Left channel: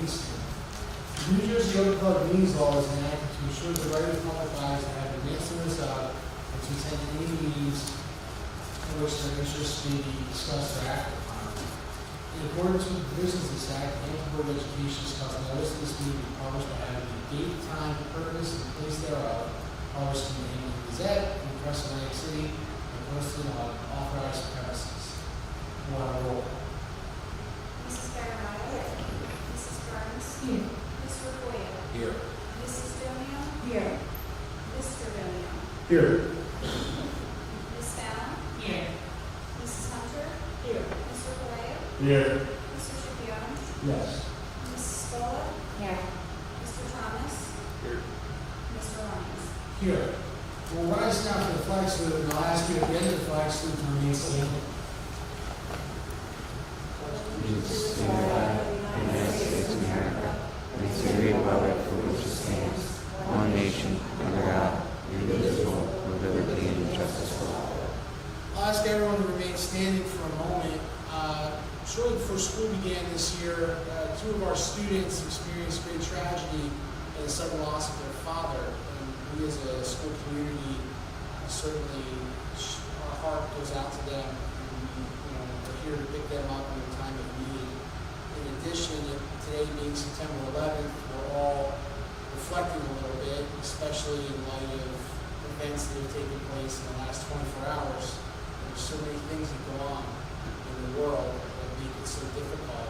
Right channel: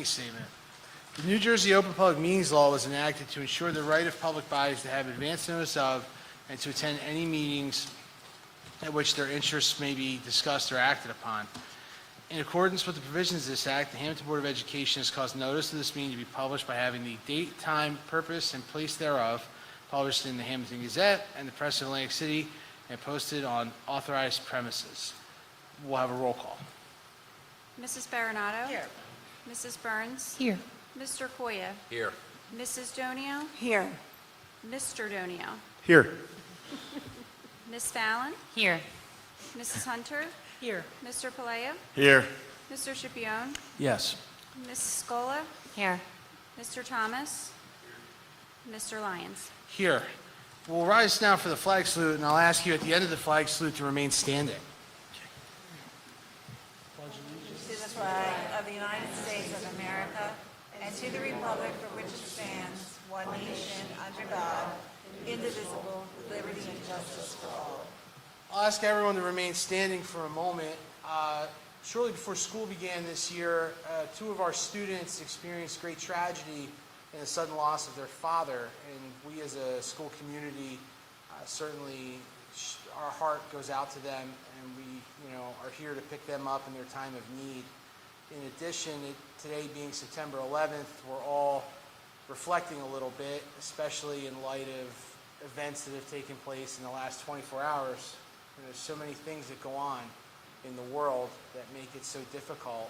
meeting statement. The New Jersey Open Public Meetings Law was enacted to ensure the right of public bodies to have advance notice of and to attend any meetings in which their interests may be discussed or acted upon. In accordance with the provisions of this Act, the Hammonton Board of Education has caused notice of this meeting to be published by having the date, time, purpose, and place thereof published in the Hammonton Gazette and the Press of Atlantic City and posted on authorized premises. We'll have a roll call. Mrs. Baronato? Here. Mrs. Burns? Here. Mr. Foya? Here. Mrs. Donio? Here. Mr. Donio? Here. Ms. Fallon? Here. Mrs. Hunter? Here. Mr. Palayo? Here. Mr. Scipione? Yes. Mrs. Scola? Here. Mr. Thomas? Here. Mr. Lyons? Here. We'll rise now for the flag salute, and I'll ask you at the end of the flag salute to remain standing. To the flag of the United States of America and to the republic for which it stands, one nation, under God, indivisible, with liberty and justice for all. I'll ask everyone to remain standing for a moment. Shortly before school began this year, two of our students experienced great tragedy in the sudden loss of their father. And we as a school community, certainly our heart goes out to them, and we are here to pick them up in their time of need. In addition, today being September 11th, we're all reflecting a little bit, especially in light of events that have taken place in the last 24 hours. There's so many things that go on in the world that make it so difficult,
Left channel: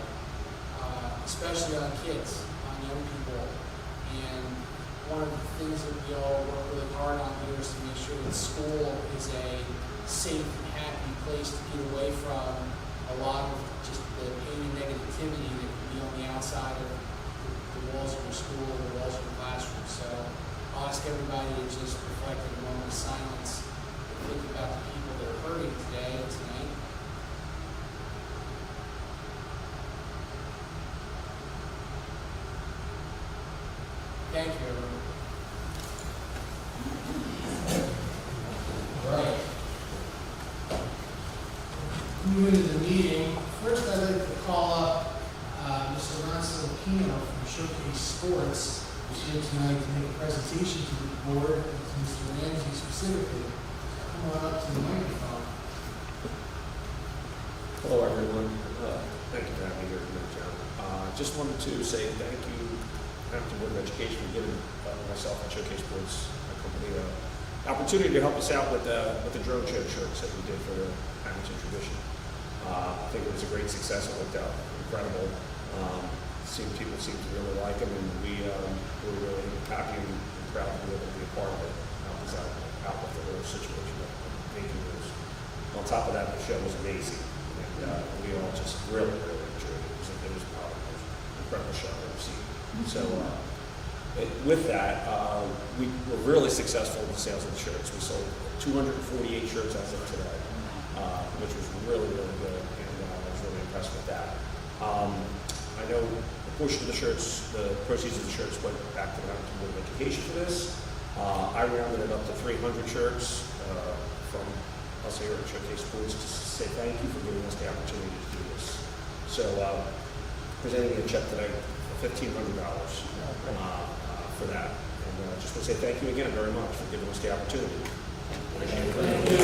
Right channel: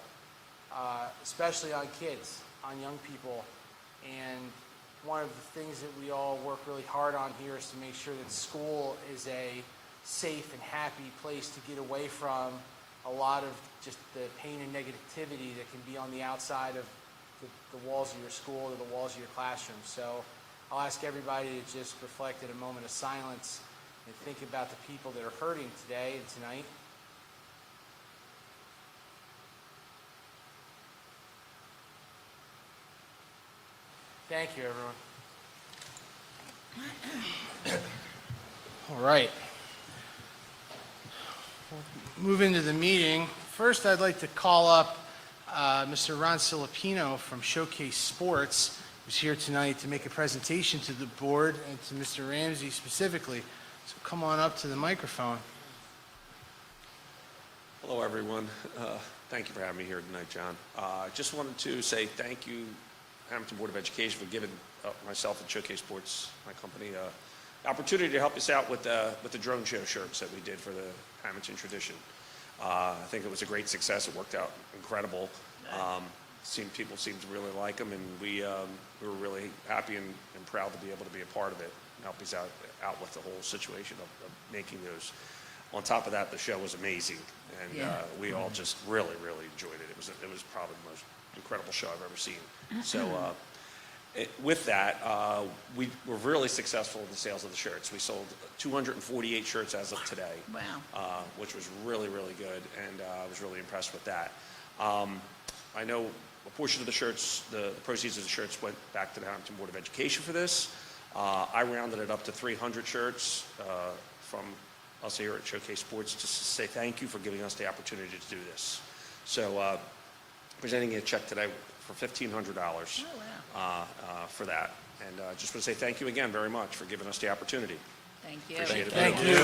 especially on kids, on young people. And one of the things that we all work really hard on here is to make sure that school is a safe and happy place to get away from a lot of just the pain and negativity that can be on the outside of the walls of your school or the walls of your classroom. So I'll ask everybody to just reflect in a moment of silence and think about the people that are hurting today and tonight. Thank you, everyone. All right. Moving to the meeting. First, I'd like to call up Mr. Ron Filipino from Showcase Sports, who's here tonight to make a presentation to the board and to Mr. Ramsey specifically. So come on up to the microphone. Hello, everyone. Thank you for having me here tonight, John. Just wanted to say thank you, Hammonton Board of Education, for giving myself and Showcase Sports, my company, the opportunity to help us out with the drone show shirts that we did for the Hammonton tradition. I think it was a great success. It worked out incredible. People seem to really like them, and we're really happy and proud to be able to be a part of it, help us out with the whole situation of making those. On top of that, the show was amazing, and we all just really enjoyed it. It was probably the most incredible show I've ever seen. So with that, we were really successful in the sales of the shirts. We sold 248 shirts as of today, which was really good, and I was really impressed with that. I know a portion of the shirts, the proceeds of the shirts went back to the Hammonton Board of Education for this. I rounded it up to 300 shirts from us here at Showcase Sports to say thank you for giving us the opportunity to do this. So presenting a check today for $1,500 for that. And just want to say thank you again very much for giving us the opportunity. Appreciate it. Thank you.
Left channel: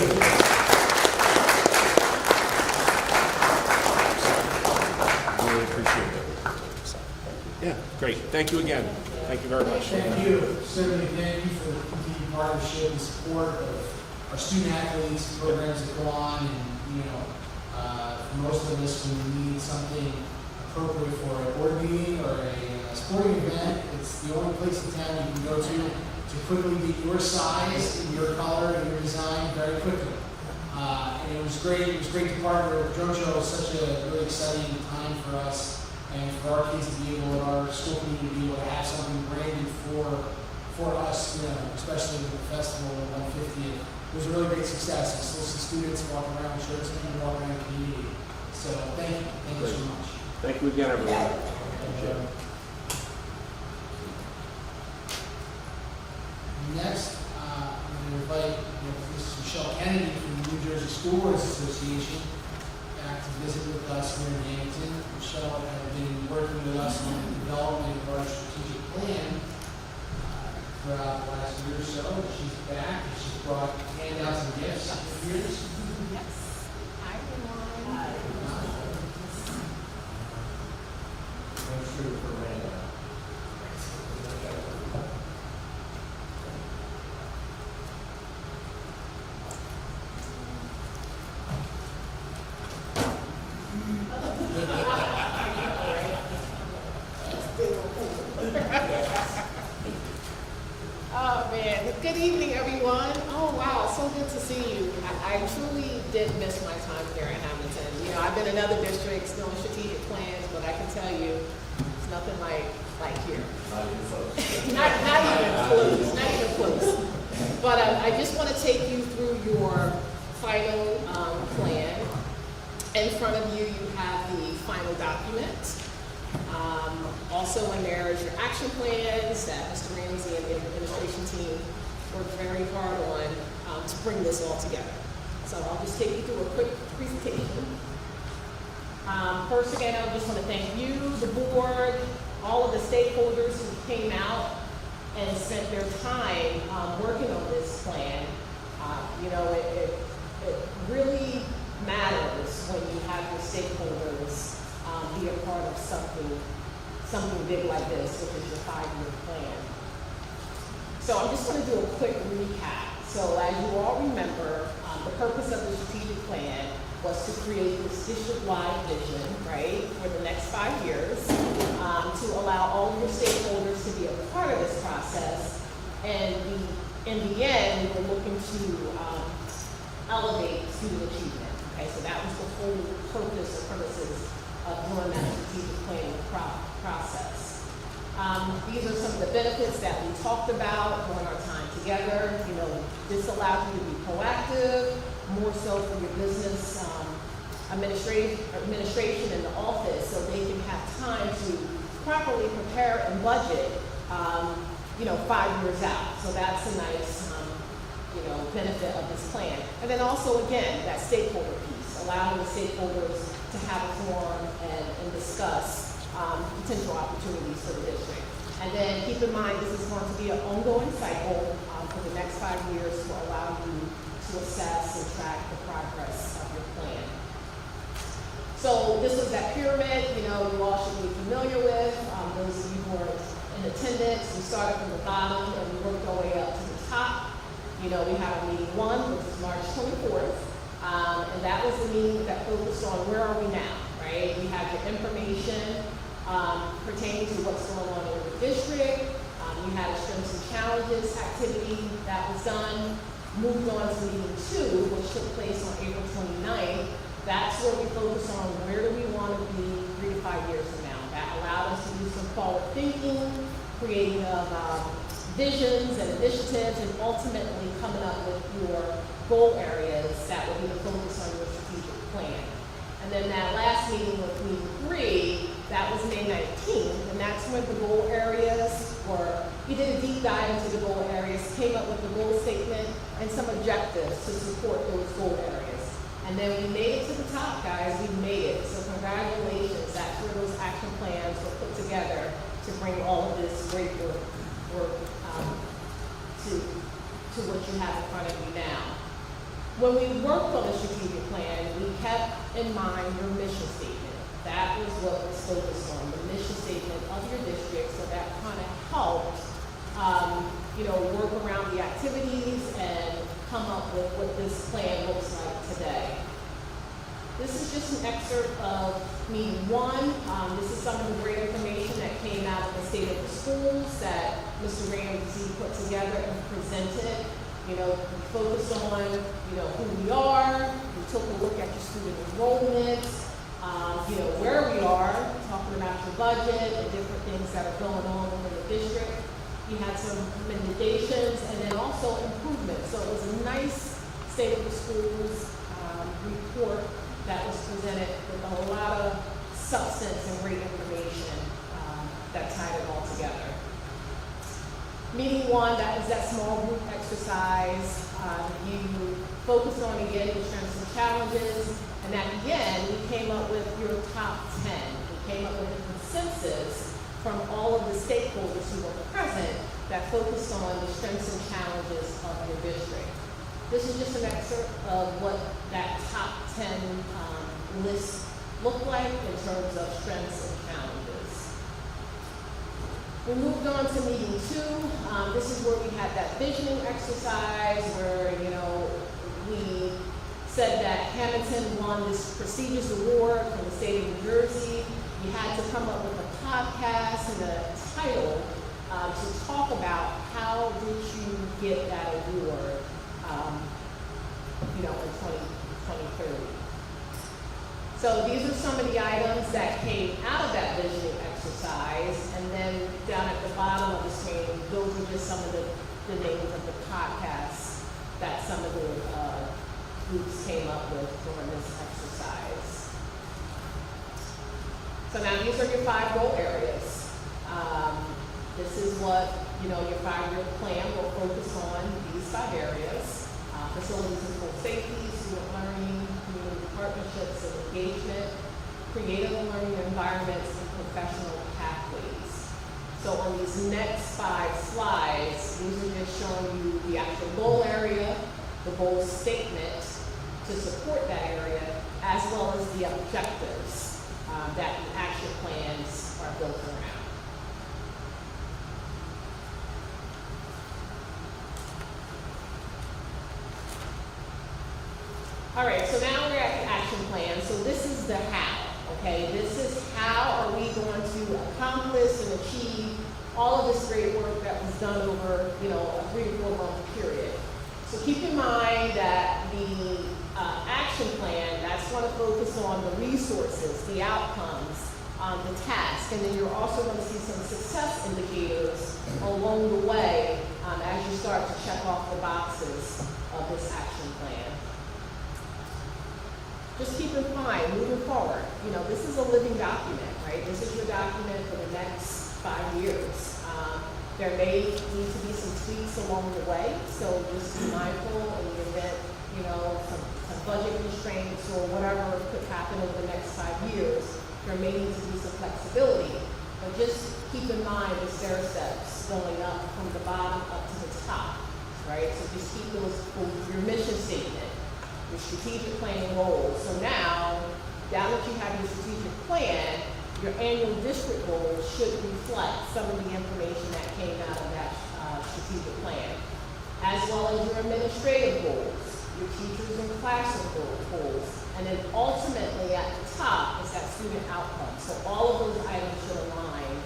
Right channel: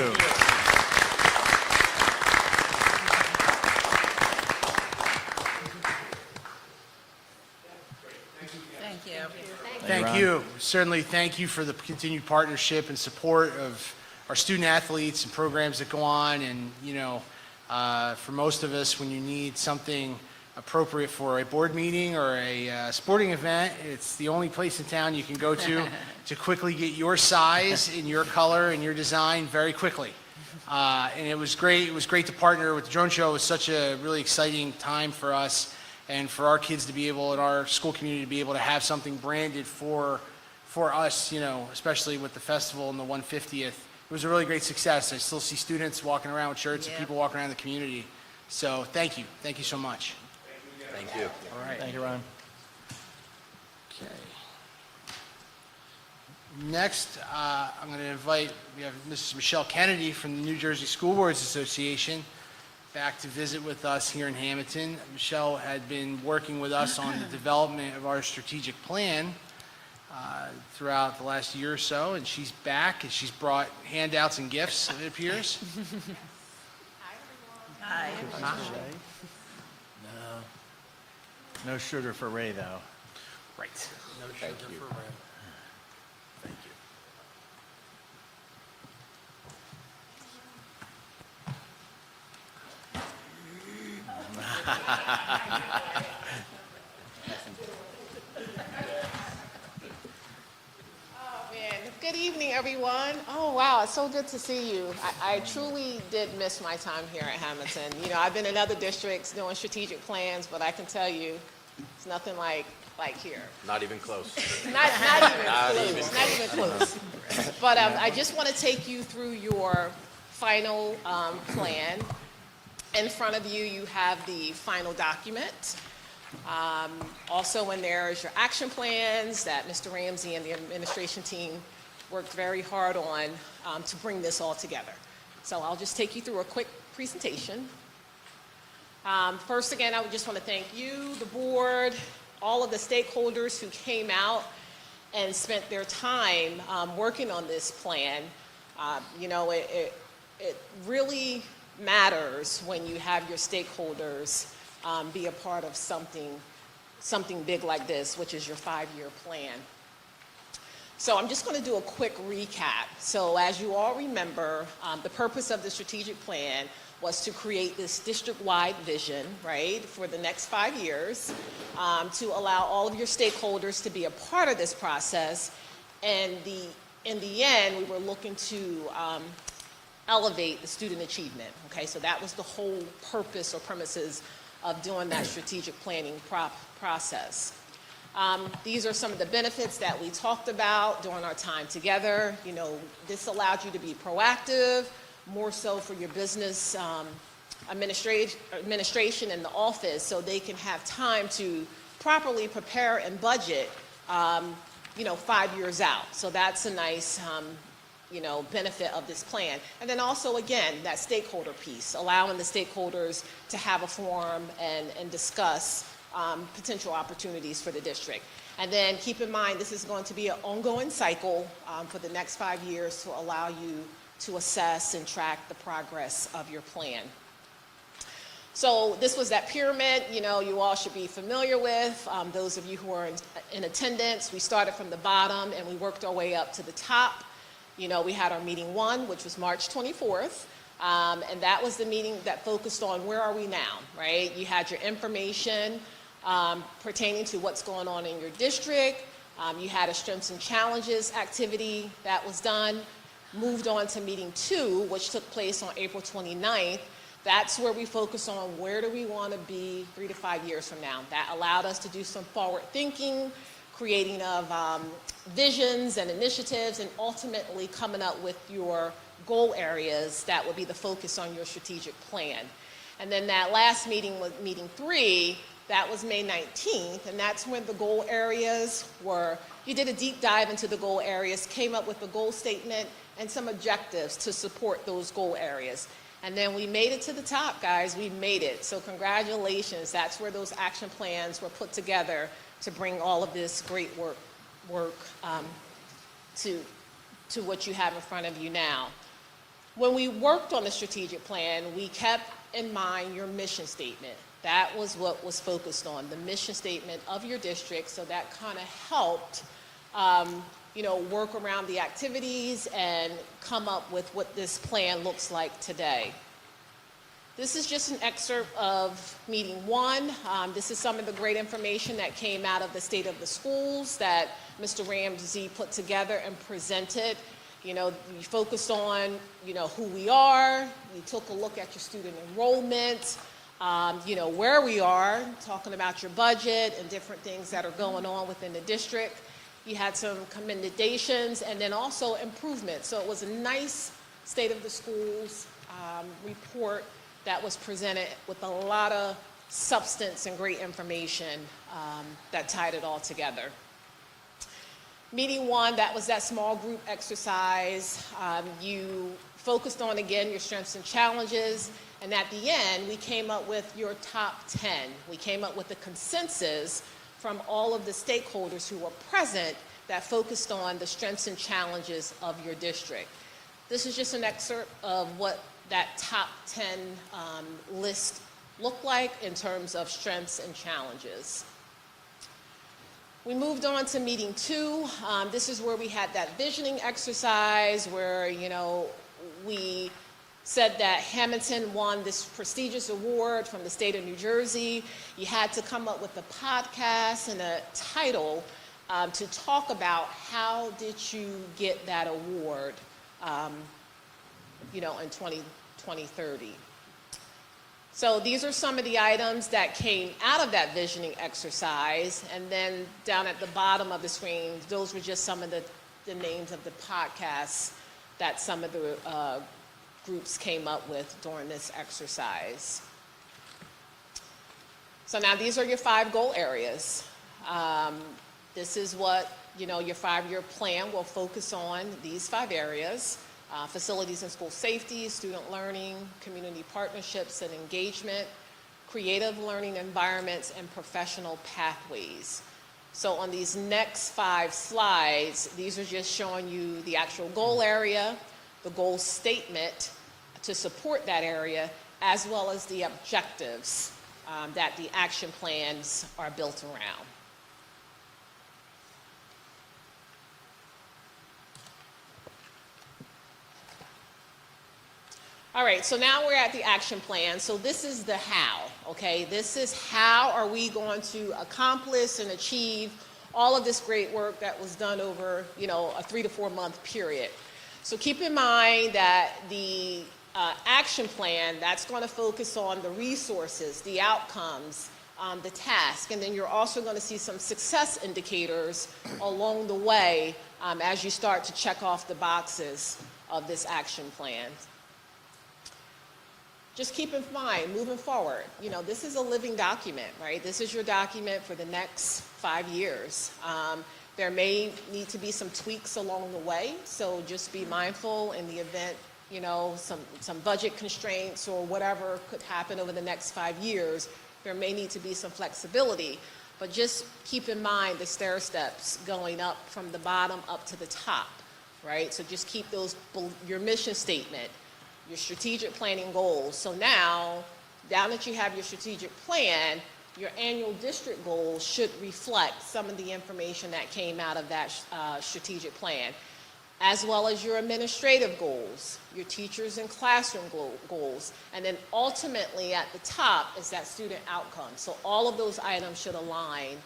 Really appreciate it. Yeah, great. Thank you again. Thank you very much. Thank you. Certainly thank you for the continued partnership and support of our student athletes, programs that go on, and for most of us, when you need something appropriate for a board meeting or a sporting event, it's the only place in town you can go to quickly get your size and your color and your design very quickly. And it was great. It was great to partner with the drone show. It was such a really exciting time for us and for our kids to be able, in our school community, to be able to have something branded for us, especially with the festival and the 150th. It was a really great success. I still see students walking around with shirts and people walking around the community. So thank you. Thank you so much. Thank you again, everyone. All right, thank you, Ryan. Next, I'm going to invite Mrs. Michelle Kennedy from the New Jersey School Boards Association. back to visit with us here in Hammonton. Michelle had been working with us on the development of our strategic plan throughout the last year or so, and she's back, and she's brought handouts and gifts, it appears. No sugar for Ray now. Oh man, good evening everyone. Oh wow, it's so good to see you. I truly did miss my time here at Hammonton. You know, I've been in other districts doing strategic plans, but I can tell you, it's nothing like here. Not even close. Not even close. But I just want to take you through your final plan. In front of you, you have the final document. Also in there is your action plans that Mr. Ramsey and the administration team worked very hard on to bring this all together. So I'll just take you through a quick presentation. First again, I would just want to thank you, the board, all of the stakeholders who came out and spent their time working on this plan. You know, it really matters when you have your stakeholders be a part of something big like this, which is your 5-year plan. So I'm just going to do a quick recap. So as you all remember, the purpose of the strategic plan was to create this district-wide vision, right, for the next 5 years, to allow all of your stakeholders to be a part of this process. And in the end, we were looking to elevate student achievement. Okay, so that was the whole purpose or premises of doing that strategic planning process. These are some of the benefits that we talked about during our time together. You know, this allowed you to be proactive, more so for your business administration in the office, so they can have time to properly prepare and budget, you know, 5 years out. So that's a nice, you know, benefit of this plan. And then also, again, that stakeholder piece, allowing the stakeholders to have a forum and discuss potential opportunities for the district. And then keep in mind, this is going to be an ongoing cycle for the next 5 years to allow you to assess and track the progress of your plan. So this was that pyramid, you know, you all should be familiar with. Those of you who are in attendance, we started from the bottom and we worked our way up to the top. You know, we had our meeting 1, which was March 24th, and that was the meeting that focused on where are we now, right? You had your information pertaining to what's going on in your district. You had a strengths and challenges activity that was done. Moved on to meeting 2, which took place on April 29th. That's where we focus on where do we want to be 3 to 5 years from now. That allowed us to do some forward thinking, creating of visions and initiatives, and ultimately coming up with your goal areas that would be the focus on your strategic plan. And then that last meeting with meeting 3, that was May 19th, and that's when the goal areas were, you did a deep dive into the goal areas, came up with the goal statement and some objectives to support those goal areas. And then we made it to the top, guys, we made it. So congratulations, that's where those action plans were put together to bring all of this great work to what you have in front of you now. When we worked on the strategic plan, we kept in mind your mission statement. That was what was focused on, the mission statement of your district, so that kind of helped, you know, work around the activities and come up with what this plan looks like today. This is just an excerpt of meeting 1. This is some of the great information that came out of the state of the schools that Mr. Ramsey put together and presented. You know, we focused on, you know, who we are. We took a look at your student enrollment, you know, where we are, talking about your budget and different things that are going on within the district. We had some commendations and then also improvements. So it was a nice state of the schools report that was presented with a lot of substance and great information that tied it all together. Meeting 1, that was that small group exercise. You focused on, again, your strengths and challenges, And at the end, we came up with your top 10. We came up with a consensus from all of the stakeholders who were present that focused on the strengths and challenges of your district. This is just an excerpt of what that top 10 list looked like in terms of strengths and challenges. We moved on to meeting 2. This is where we had that visioning exercise where, we said that Hammonton won this prestigious award from the state of New Jersey. You had to come up with a podcast and a title to talk about how did you get that award, in 2030. So these are some of the items that came out of that visioning exercise, and then down at the bottom of the screen, those were just some of the names of the podcasts that some of the groups came up with during this exercise. So now these are your 5 goal areas. This is what, your 5-year plan will focus on, these 5 areas. Facilities and school safety, student learning, community partnerships and engagement, creative learning environments, and professional pathways. So on these next 5 slides, these are just showing you the actual goal area, the goal statement to support that area, as well as the objectives that the action plans are built around. All right, so now we're at the action plan. So this is the how, okay? This is how are we going to accomplish and achieve all of this great work that was done over, a 3 to 4 month period. So keep in mind that the action plan, that's going to focus on the resources, the outcomes, the task, and then you're also going to see some success indicators along the way as you start to check off the boxes of this action plan. Just keep in mind, moving forward, this is a living document, right? This is your document for the next 5 years. There may need to be some tweaks along the way, so just be mindful in the event, some budget constraints or whatever could happen over the next 5 years. There may need to be some flexibility, but just keep in mind the stair steps going up from the bottom up to the top, right? So just keep your mission statement, your strategic planning goals. So now that you have your strategic plan, your annual district goals should reflect some of the information that came out of that strategic plan, as well as your administrative goals, your teachers and classroom goals, and then ultimately at the top is that student outcome. So all of those items should align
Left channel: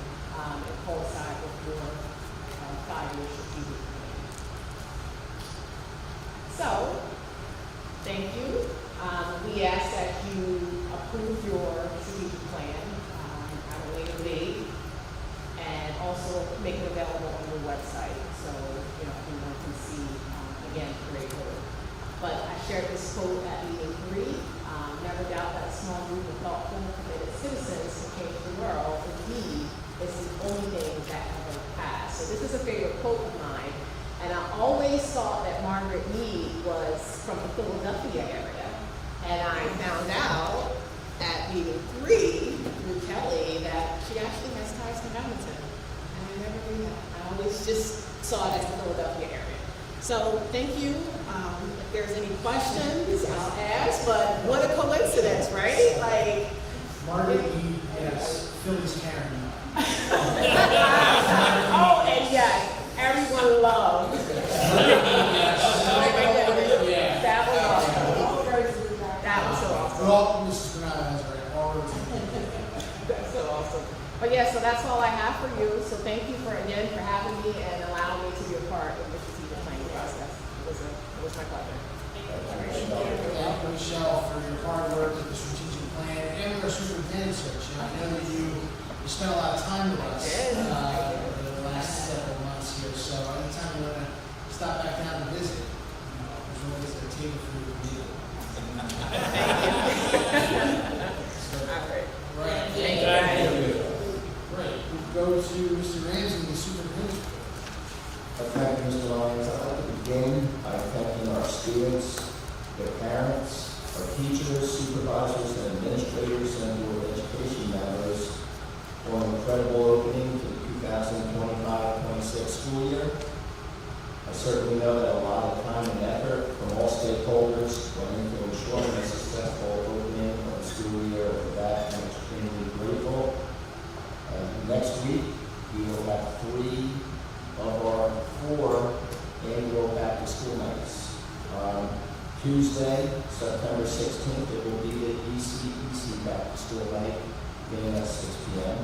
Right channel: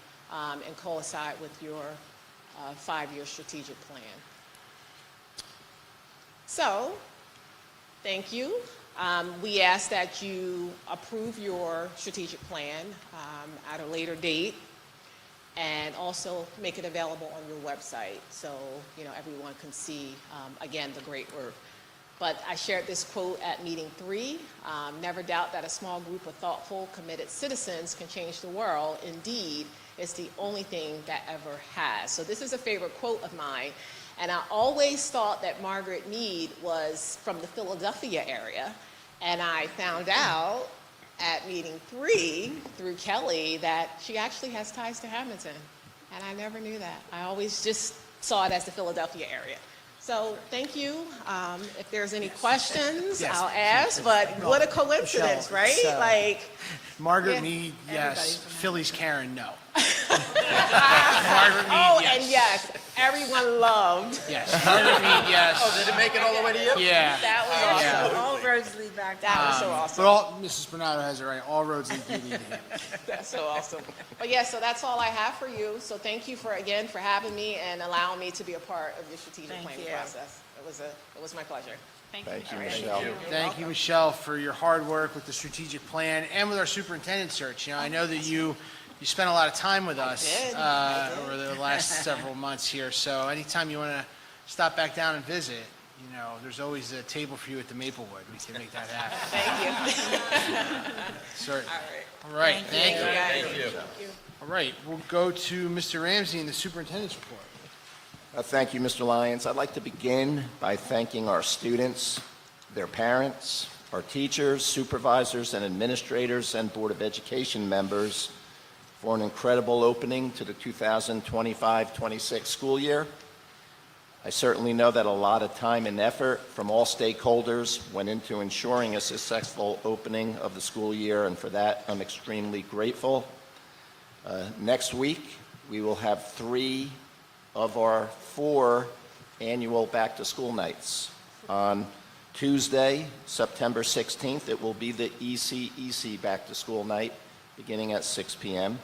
and coincide with your 5-year strategic plan. So, thank you. We ask that you approve your strategic plan at a later date and also make it available on your website so everyone can see, again, the great work. But I shared this quote at meeting 3. Never doubt that a small group of thoughtful, committed citizens can change the world. Indeed, it's the only thing that ever has. So this is a favorite quote of mine. And I always thought that Margaret Mead was from the Philadelphia area. And I found out at meeting 3 through Kelly that she actually has ties to Hammonton. And I never knew that. I always just saw it as the Philadelphia area. So thank you. If there's any questions, Yes. I'll ask. But what a coincidence, right? So, Margaret yeah. Mead, yes. Philly's Karen, no. Oh, and yes, everyone loved. Yes. Margaret Mead, yes. Did it make it all the way to you? Yeah. That was awesome. Yeah. All roads lead back. That was so awesome. But all, Mrs. Bernardo has it right, all roads lead. That's so awesome. But yeah, so that's all I have for you. So thank you for having me and allowing me to be a part of your strategic planning process. It was my pleasure. Thank you, Michelle. Thank you, Michelle, for your hard work with the strategic plan and with our superintendent search. I know that you spent a lot of time with us did. over the last several months here. So anytime you want to stop back down and visit, there's always a table for you at the Maplewood. We can make that happen. Thank you. Certainly. All Right. Thank you. Thank you. Right. We'll go to Mr. Ramsey, the superintendent's report. Thank you, Mr. Lyons. I'd like to begin by thanking our students, their parents, our teachers, supervisors, and administrators, and Board of Education members for an incredible opening to the 2025-26 school year. I certainly know that a lot of time and effort from all stakeholders went into ensuring a successful opening of the school year, and for that I'm extremely grateful. Next week, we will have 3 of our 4 annual back-to-school nights. On Tuesday, September 16th, it will be the ECEC back-to-school night, beginning at 6 p.m.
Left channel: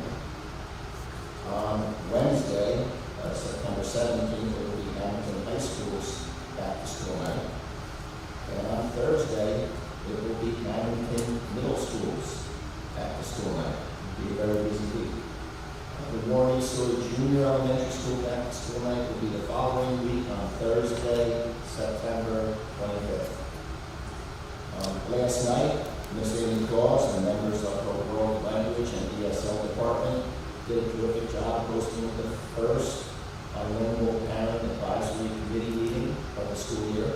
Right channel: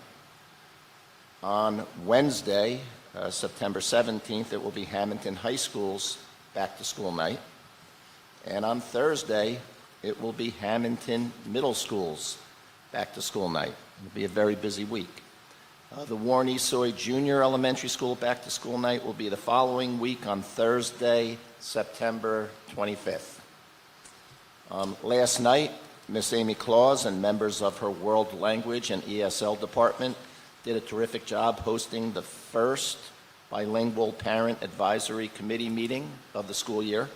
On Wednesday, September 17th, it will be Hammonton High School's back-to-school night. And on Thursday, it will be Hammonton Middle School's back-to-school night. It'll be a very busy week. The Warren Soy Junior Elementary School back-to-school night will be the following week on Thursday, September 25th. Last night, Miss Amy Claus and members of her World Language and ESL department did a terrific job hosting the first bilingual parent advisory committee meeting of the school year.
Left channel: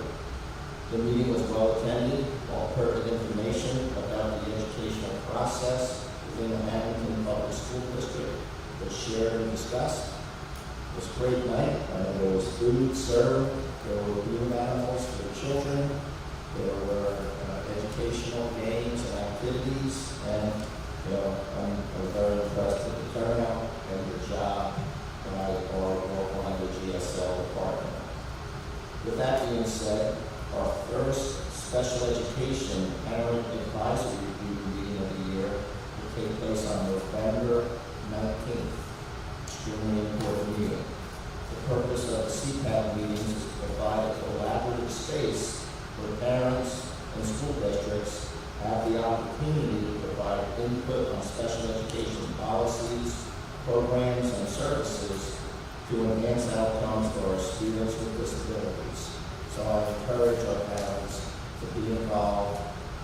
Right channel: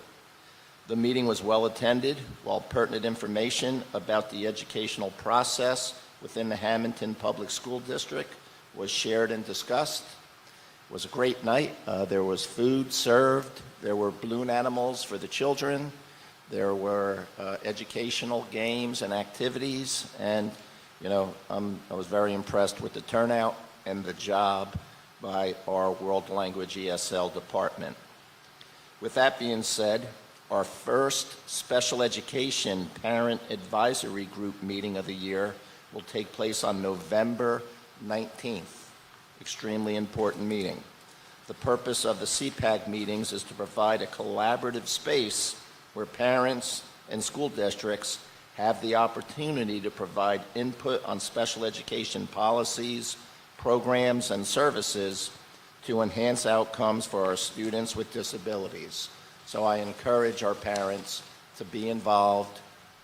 The meeting was well attended, while pertinent information about the educational process within the Hammonton Public School District was shared and discussed. It was a great night. There was food served, there were balloon animals for the children, there were educational games and activities, and I was very impressed with the turnout and the job by our World Language ESL department. With that being said, our first special education parent advisory group meeting of the year will take place on November 19th. Extremely important meeting. The purpose of the CPAC meetings is to provide a collaborative space where parents and school districts have the opportunity to provide input on special education policies, programs, and services to enhance outcomes for our students with disabilities. So I encourage our parents to be involved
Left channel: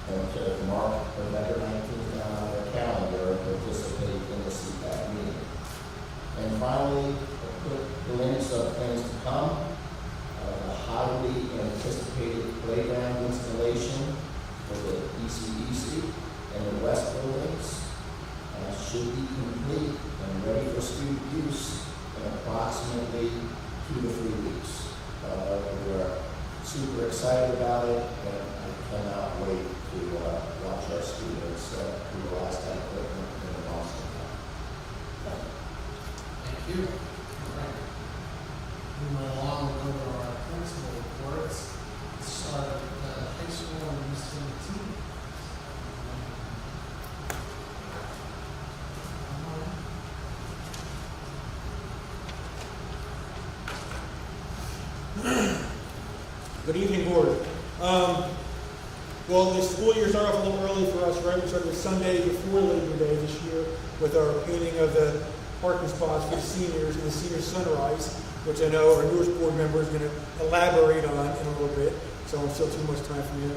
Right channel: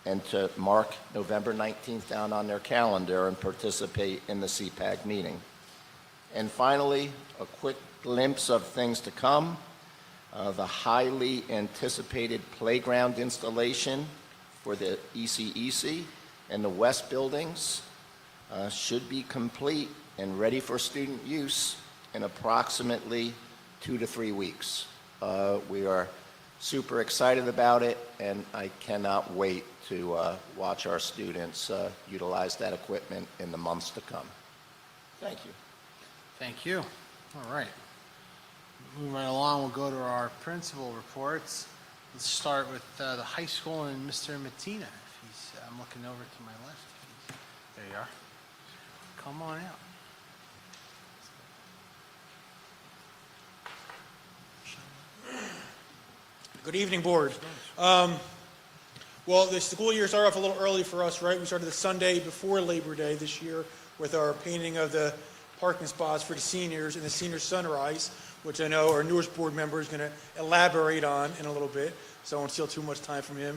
and to mark November 19th down on their calendar and participate in the CPAC meeting. And finally, a quick glimpse of things to come. The highly anticipated playground installation for the ECEC and the West buildings should be complete and ready for student use in approximately 2 to 3 weeks. We are super excited about it, and I cannot wait to watch our students utilize that equipment in the months to come. Thank you. Thank you. All right. Moving right along, we'll go to our principal reports. Let's start with the high school and Mr. Matina. Come on in. Good evening, Board. Well, the school year started off a little early for us, right? We started the Sunday before Labor Day this year with our painting of the parking spots for the seniors and the senior sunrise, which I know our newest board member is going to elaborate on in a little bit, so I won't steal too much time from him.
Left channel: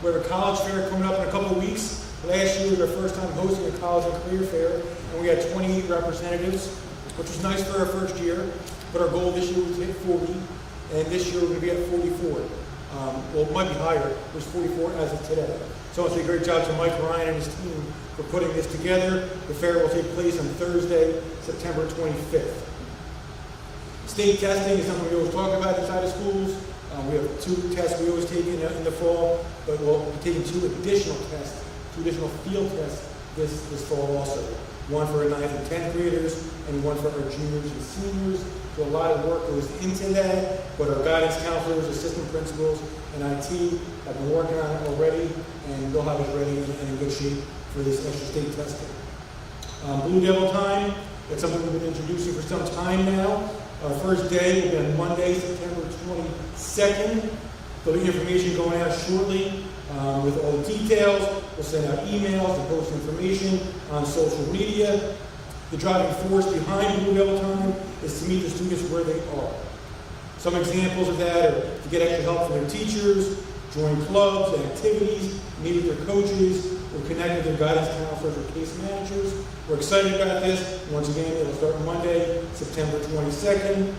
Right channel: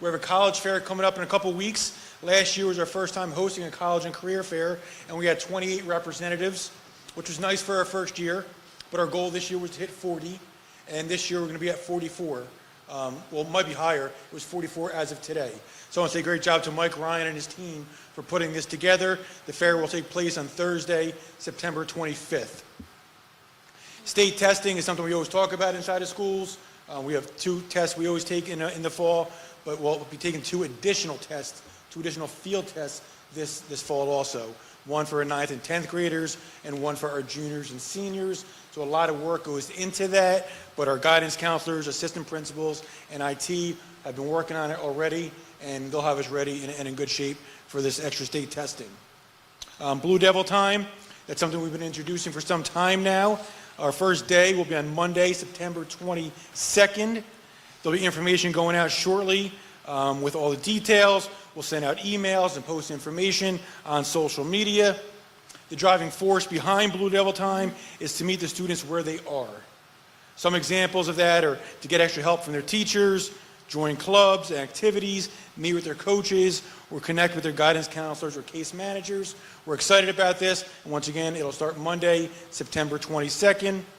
We have a college fair coming up in a couple of weeks. Last year was our first time hosting a college and career fair, and we had 28 representatives, which was nice for our first year, but our goal this year was to hit 40, and this year we're going to be at 44. Well, it might be higher. It was 44 as of today. So I want to say a great job to Mike Ryan and his team for putting this together. The fair will take place on Thursday, September 25th. State testing is something we always talk about inside of schools. We have 2 tests we always take in the fall, but we'll be taking 2 additional tests, 2 additional field tests this fall also. One for our 9th and 10th graders, and one for our juniors and seniors. So a lot of work goes into that, but our guidance counselors, assistant principals, and IT have been working on it already, and they'll have us ready and in good shape for this extra state testing. Blue Devil time, that's something we've been introducing for some time now. Our first day will be on Monday, September 22nd. There'll be information going out shortly with all the details. We'll send out emails and post information on social media. The driving force behind Blue Devil Time is to meet the students where they are. Some examples of that are to get extra help from their teachers, join clubs and activities, meet with their coaches, or connect with their guidance counselors or case managers. We're excited about this. Once again, it'll start Monday, September 22nd.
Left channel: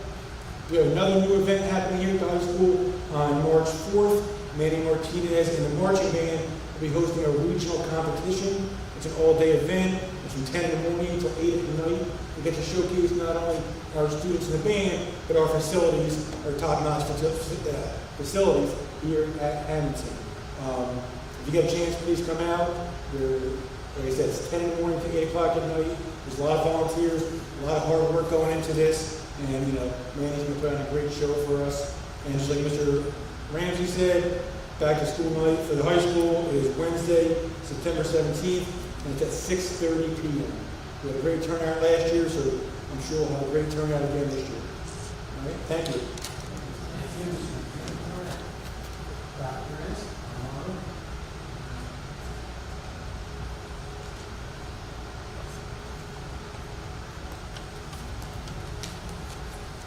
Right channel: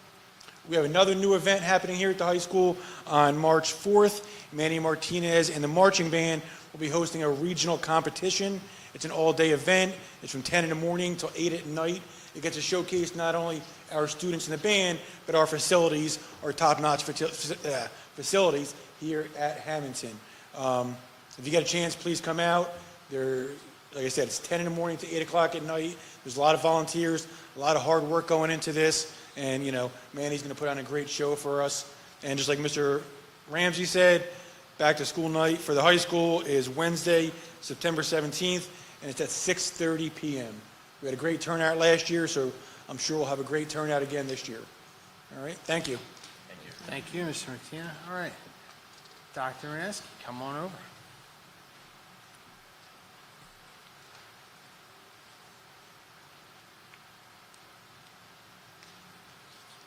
We have another new event happening here at the high school on March 4th. Manny Martinez and the marching band will be hosting a regional competition. It's an all-day event. It's from 10 in the morning until 8 at night. It gets to showcase not only our students in the band, but our facilities, our top-notch facilities here at Hammonton. If you get a chance, please come out. Like I said, it's 10 in the morning to 8 o'clock at night. There's a lot of volunteers, a lot of hard work going into this, and Manny's going to put on a great show for us. And just like Mr. Ramsey said, back to school night for the high school is Wednesday, September 17th, and it's at 6:30 p.m. We had a great turnout last year, so I'm sure we'll have a great turnout again this year. All right, thank you. Thank you, Mr. McKeon. All right. Dr. Reyes, come on over.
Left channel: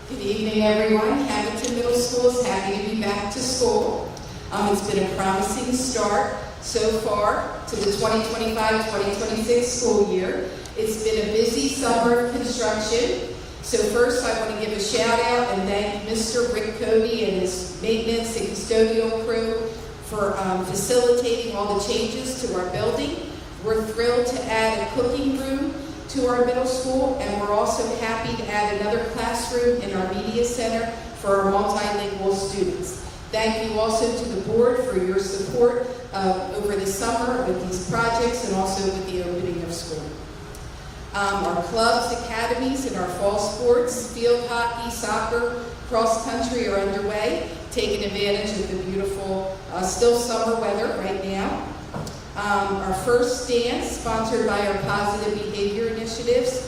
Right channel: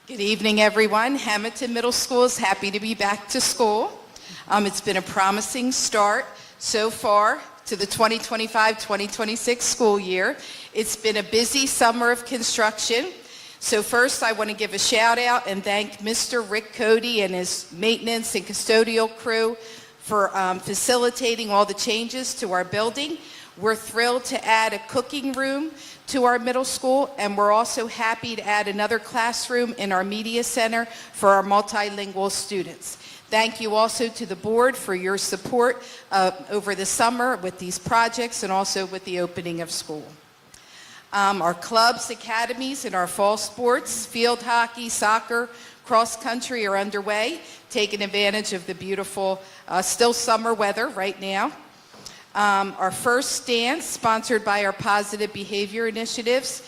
Good evening, everyone. Hammonton Middle School is happy to be back to school. It's been a promising start so far to the 2025-2026 school year. It's been a busy summer of construction. So first, I want to give a shout out and thank Mr. Rick Cody and his maintenance and custodial crew for facilitating all the changes to our building. We're thrilled to add a cooking room to our middle school, and we're also happy to add another classroom in our media center for our multilingual students. Thank you also to the board for your support over the summer with these projects and also with the opening of school. Our clubs, academies, and our fall sports, field hockey, soccer, cross country are underway, taking advantage of the beautiful, still summer weather right now. Our first dance, sponsored by our Positive Behavior Initiatives,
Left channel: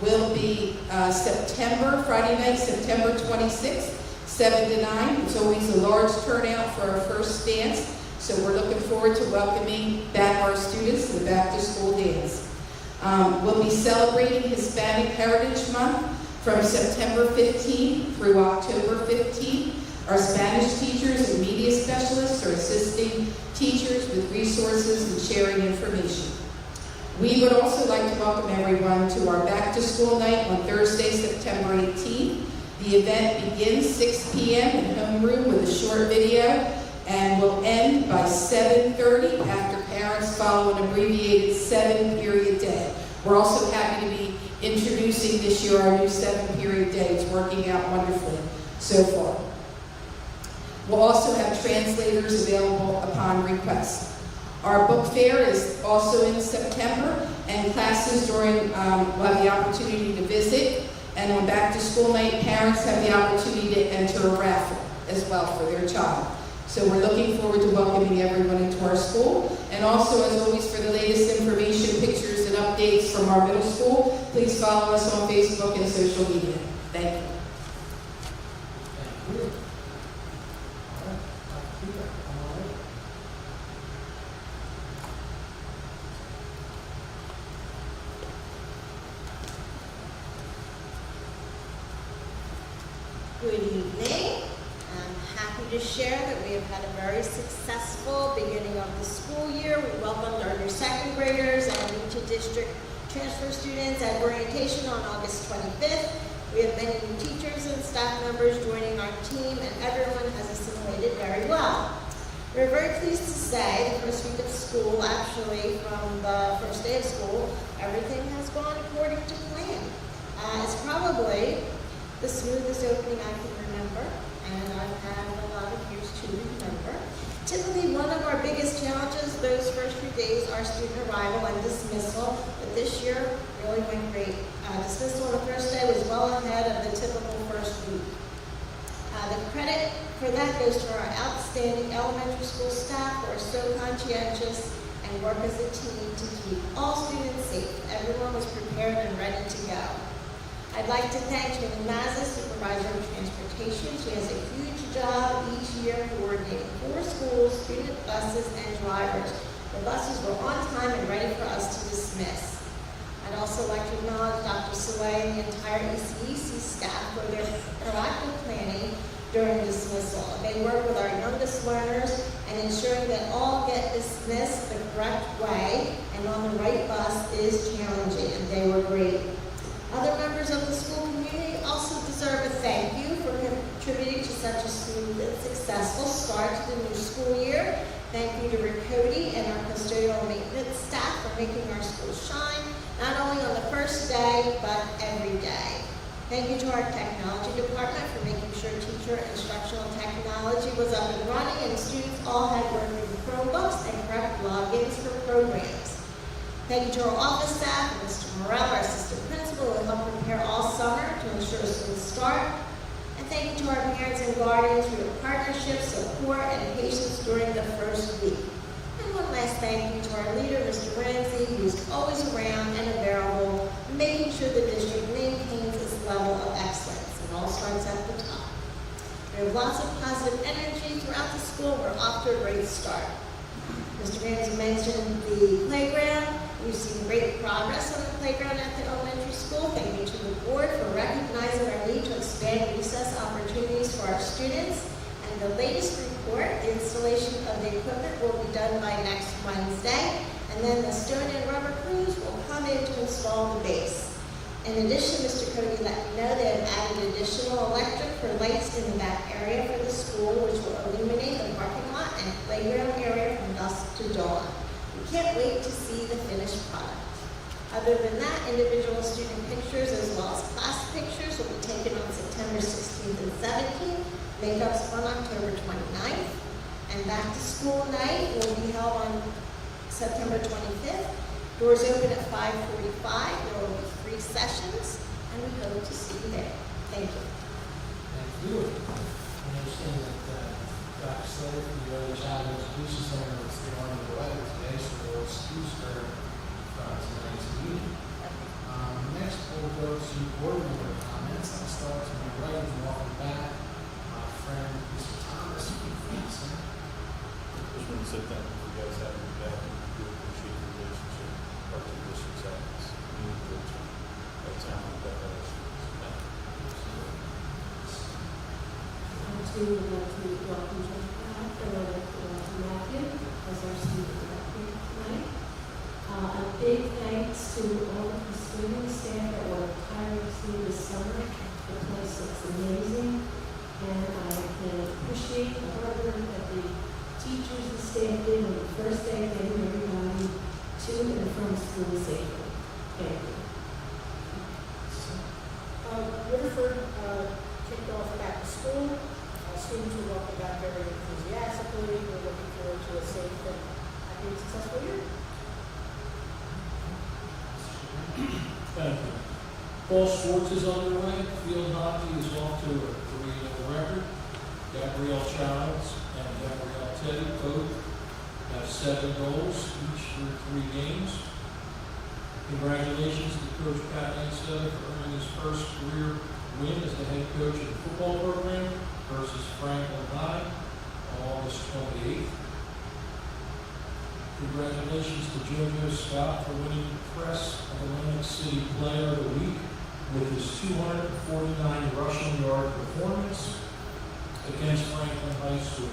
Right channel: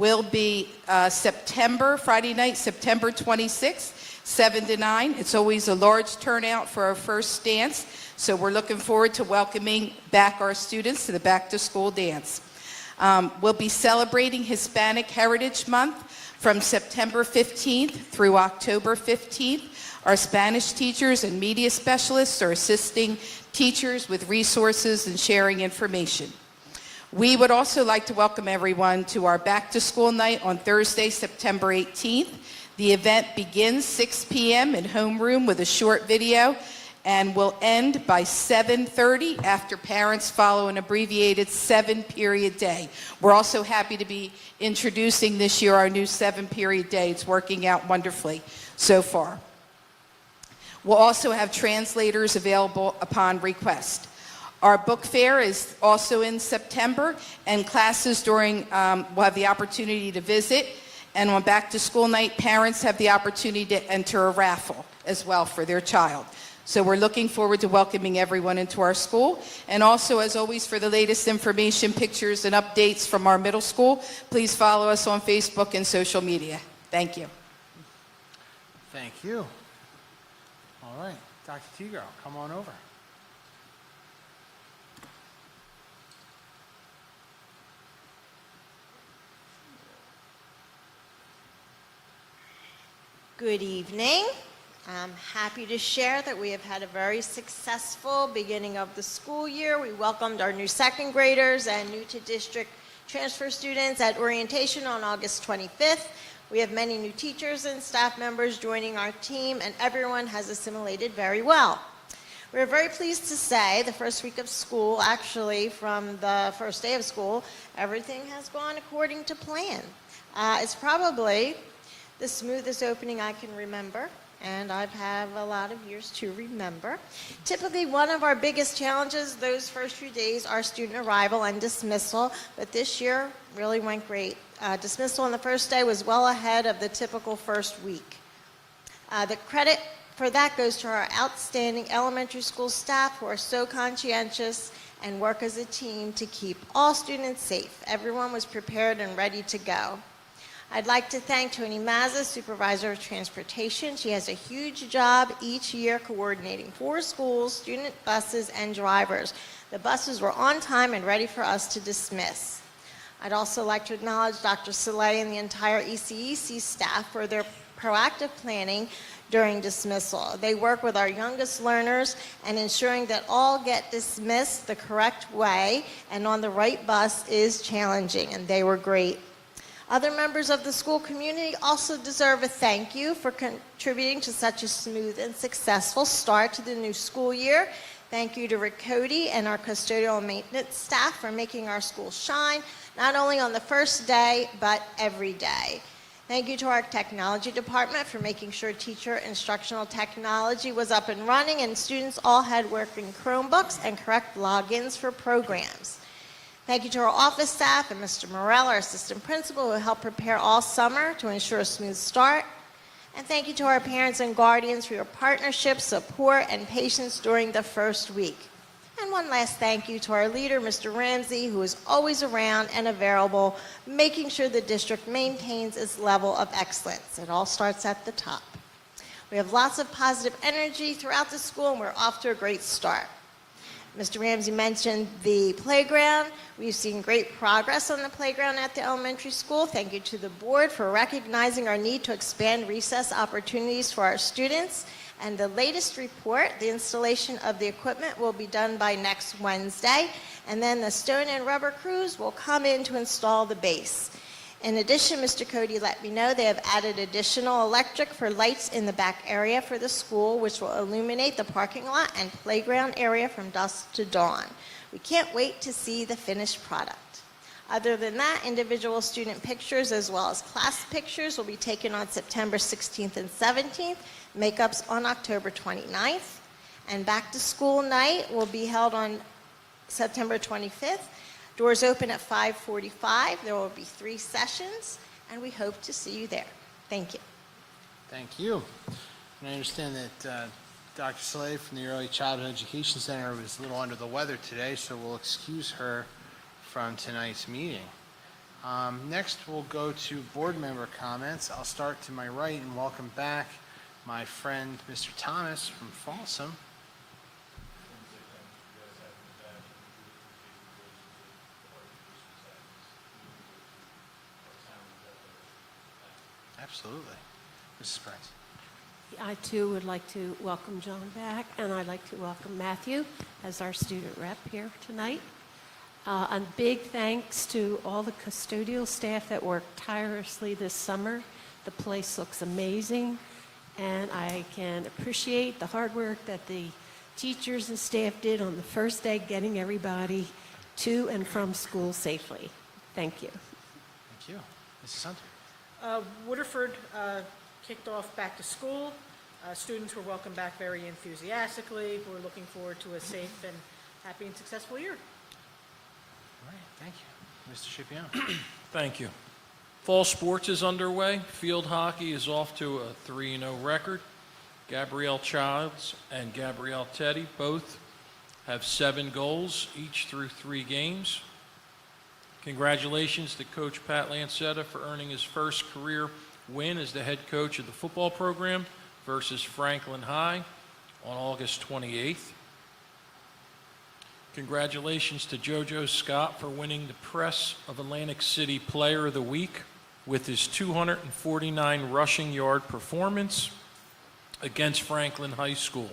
will be Friday night, September 26th, 7 to 9. It's always a large turnout for our first dance, so we're looking forward to welcoming back our students to the Back to School dance. We'll be celebrating Hispanic Heritage Month from September 15th through October 15th. Our Spanish teachers and media specialists are assisting teachers with resources and sharing information. We would also like to welcome everyone to our Back to School night on Thursday, September 18th. The event begins 6 p.m. in homeroom with a short video and will end by 7:30 after parents follow an abbreviated 7-period day. We're also happy to be introducing this year our new 7-period day. It's working out wonderfully so far. We'll also have translators available upon request. Our book fair is also in September, and classes will have the opportunity to visit. And on Back to School night, parents have the opportunity to enter a raffle as well for their child. So we're looking forward to welcoming everyone into our school. And also, as always, for the latest information, pictures, and updates from our middle school, please follow us on Facebook and social media. Thank you. Thank you. All right, Dr. Teeter, come on over. Good evening. I'm happy to share that we have had a very successful beginning of the school year. We welcomed our new second graders and new to district transfer students at orientation on August 25th. We have many new teachers and staff members joining our team, and everyone has assimilated very well. We're very pleased to say the first week of school, actually from the first day of school, everything has gone according to plan. It's probably the smoothest opening I can remember, and I've had a lot of years to remember. Typically, one of our biggest challenges those first few days are student arrival and dismissal, but this year really went great. Dismissal on the first day was well ahead of the typical first week. The credit for that goes to our outstanding elementary school staff who are so conscientious and work as a team to keep all students safe. Everyone was prepared and ready to go. I'd like to thank Tony Mazza, Supervisor of Transportation. She has a huge job each year coordinating 4 schools, student buses, and drivers. The buses were on time and ready for us to dismiss. I'd also like to acknowledge Dr. Soleil and the entire ECEC staff for their proactive planning during dismissal. They work with our youngest learners and ensuring that all get dismissed the correct way and on the right bus is challenging, and they were great. Other members of the school community also deserve a thank you for contributing to such a smooth and successful start to the new school year. Thank you to Rick Cody and our custodial and maintenance staff for making our school shine, not only on the first day, but every day. Thank you to our technology department for making sure teacher instructional technology was up and running and students all had working Chromebooks and correct logins for programs. Thank you to our office staff and Mr. Morell, our assistant principal, who helped prepare all summer to ensure a smooth start. And thank you to our parents and guardians for your partnership, support, and patience during the first week. And one last thank you to our leader, Mr. Ramsey, who is always around and available, making sure the district maintains its level of excellence. It all starts at the top. We have lots of positive energy throughout the school, and we're off to a great start. Mr. Ramsey mentioned the playground. We've seen great progress on the playground at the elementary school. Thank you to the board for recognizing our need to expand recess opportunities for our students. And the latest report, the installation of the equipment will be done by next Wednesday. And then the stone and rubber crews will come in to install the base. In addition, Mr. Cody let me know they have added additional electric for lights in the back area for the school, which will illuminate the parking lot and playground area from dusk to dawn. We can't wait to see the finished product. Other than that, individual student pictures as well as class pictures will be taken on September 16th and 17th, makeups on October 29th, and back to school night will be held on September 25th. Doors open at 5:45. There will be 3 sessions, and we hope to see you there. Thank you. Thank you. I understand that Dr. Slade from the Early Childhood Education Center was a little under the weather today, so we'll excuse her from tonight's meeting. Next, we'll go to board member comments. I'll start to my right and welcome back my friend, Mr. Thomas from Folsom. Just want to say thank you. You guys having me back. We appreciate the relationship. Our two districts have this meaningful town that Absolutely. Respect. I too would like to welcome John back, and I'd like to welcome Matthew as our student rep here tonight. A big thanks to all the custodial staff that worked tirelessly this summer. The place looks amazing, and I can appreciate the hard work that the teachers and staff did on the first day getting everybody to and from school safely. Thank you. Waterford kicked off back to school. Students were welcomed back very enthusiastically. We're looking forward to a safe and happy and successful year. Mr. Shipian? Thank you. Fall sports is underway. Field hockey is off to a 3-0 record. Gabrielle Childs and Gabrielle Teddy both have 7 goals, each through 3 games. Congratulations to Coach Pat Lancetta for earning his first career win as the head coach of the football program versus Franklin High on August 28th. Congratulations to JoJo Scott for winning the Press of Atlantic City Player of the Week with his 249 rushing yard performance against Franklin High School.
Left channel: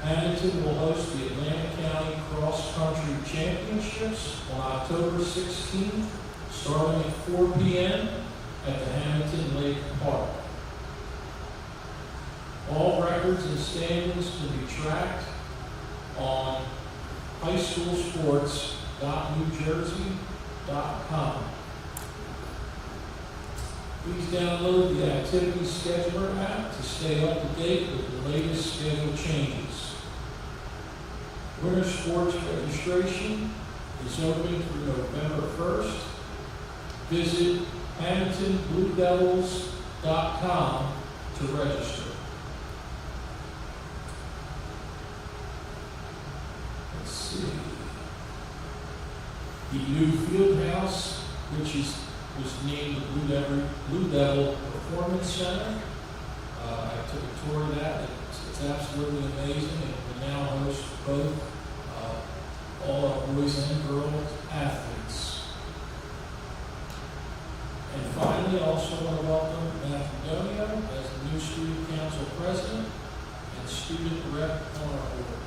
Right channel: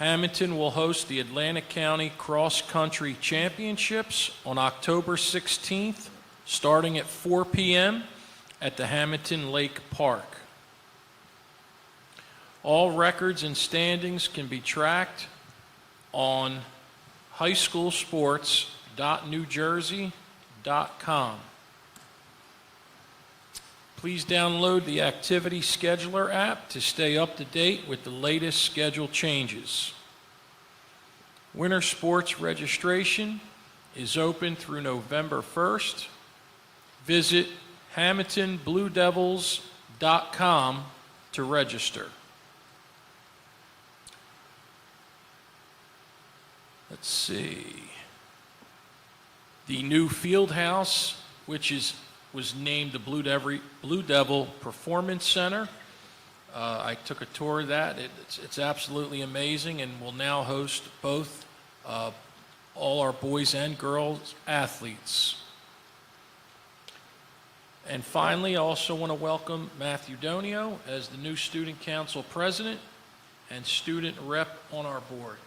Hammonton will host the Atlantic County Cross Country Championships on October 16th, starting at 4 p.m. at the Hammonton Lake Park. All records and standings can be tracked on highschoolsports.newjersey.com. Please download the Activity Scheduler app to stay up to date with the latest schedule changes. Winter sports registration is open through November 1st. Visit HammontonBlueDevils.com to register. Let's see. The new field house, which was named the Blue Devil Performance Center. I took a tour of that. It's absolutely amazing, and will now host both all our boys and girls athletes. And finally, I also want to welcome Matthew Donio as the new Student Council President and Student Rep on our board.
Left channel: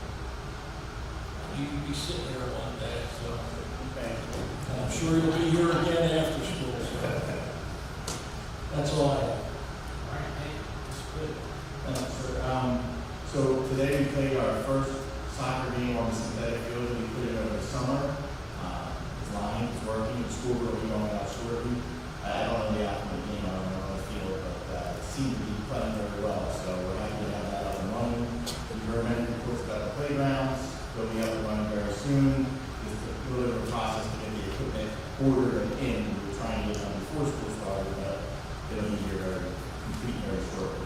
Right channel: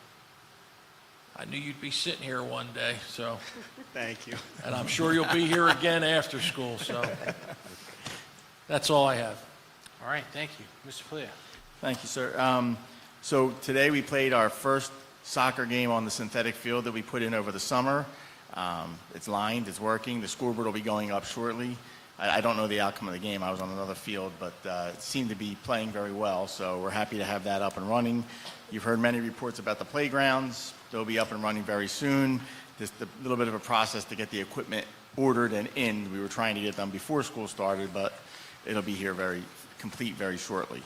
I knew you'd be sitting here one day, so Thank you. And I'm sure you'll be here again after school, so that's all I have. All right, thank you. Mr. Cleve. Thank you, sir. So today we played our first soccer game on the synthetic field that we put in over the summer. It's lined, it's working. The scoreboard will be going up shortly. I don't know the outcome of the game. I was on another field, but it seemed to be playing very well. So we're happy to have that up and running. You've heard many reports about the playgrounds. They'll be up and running very soon. There's a little bit of a process to get the equipment ordered and in. We were trying to get done before school started, but it'll be here very complete very shortly.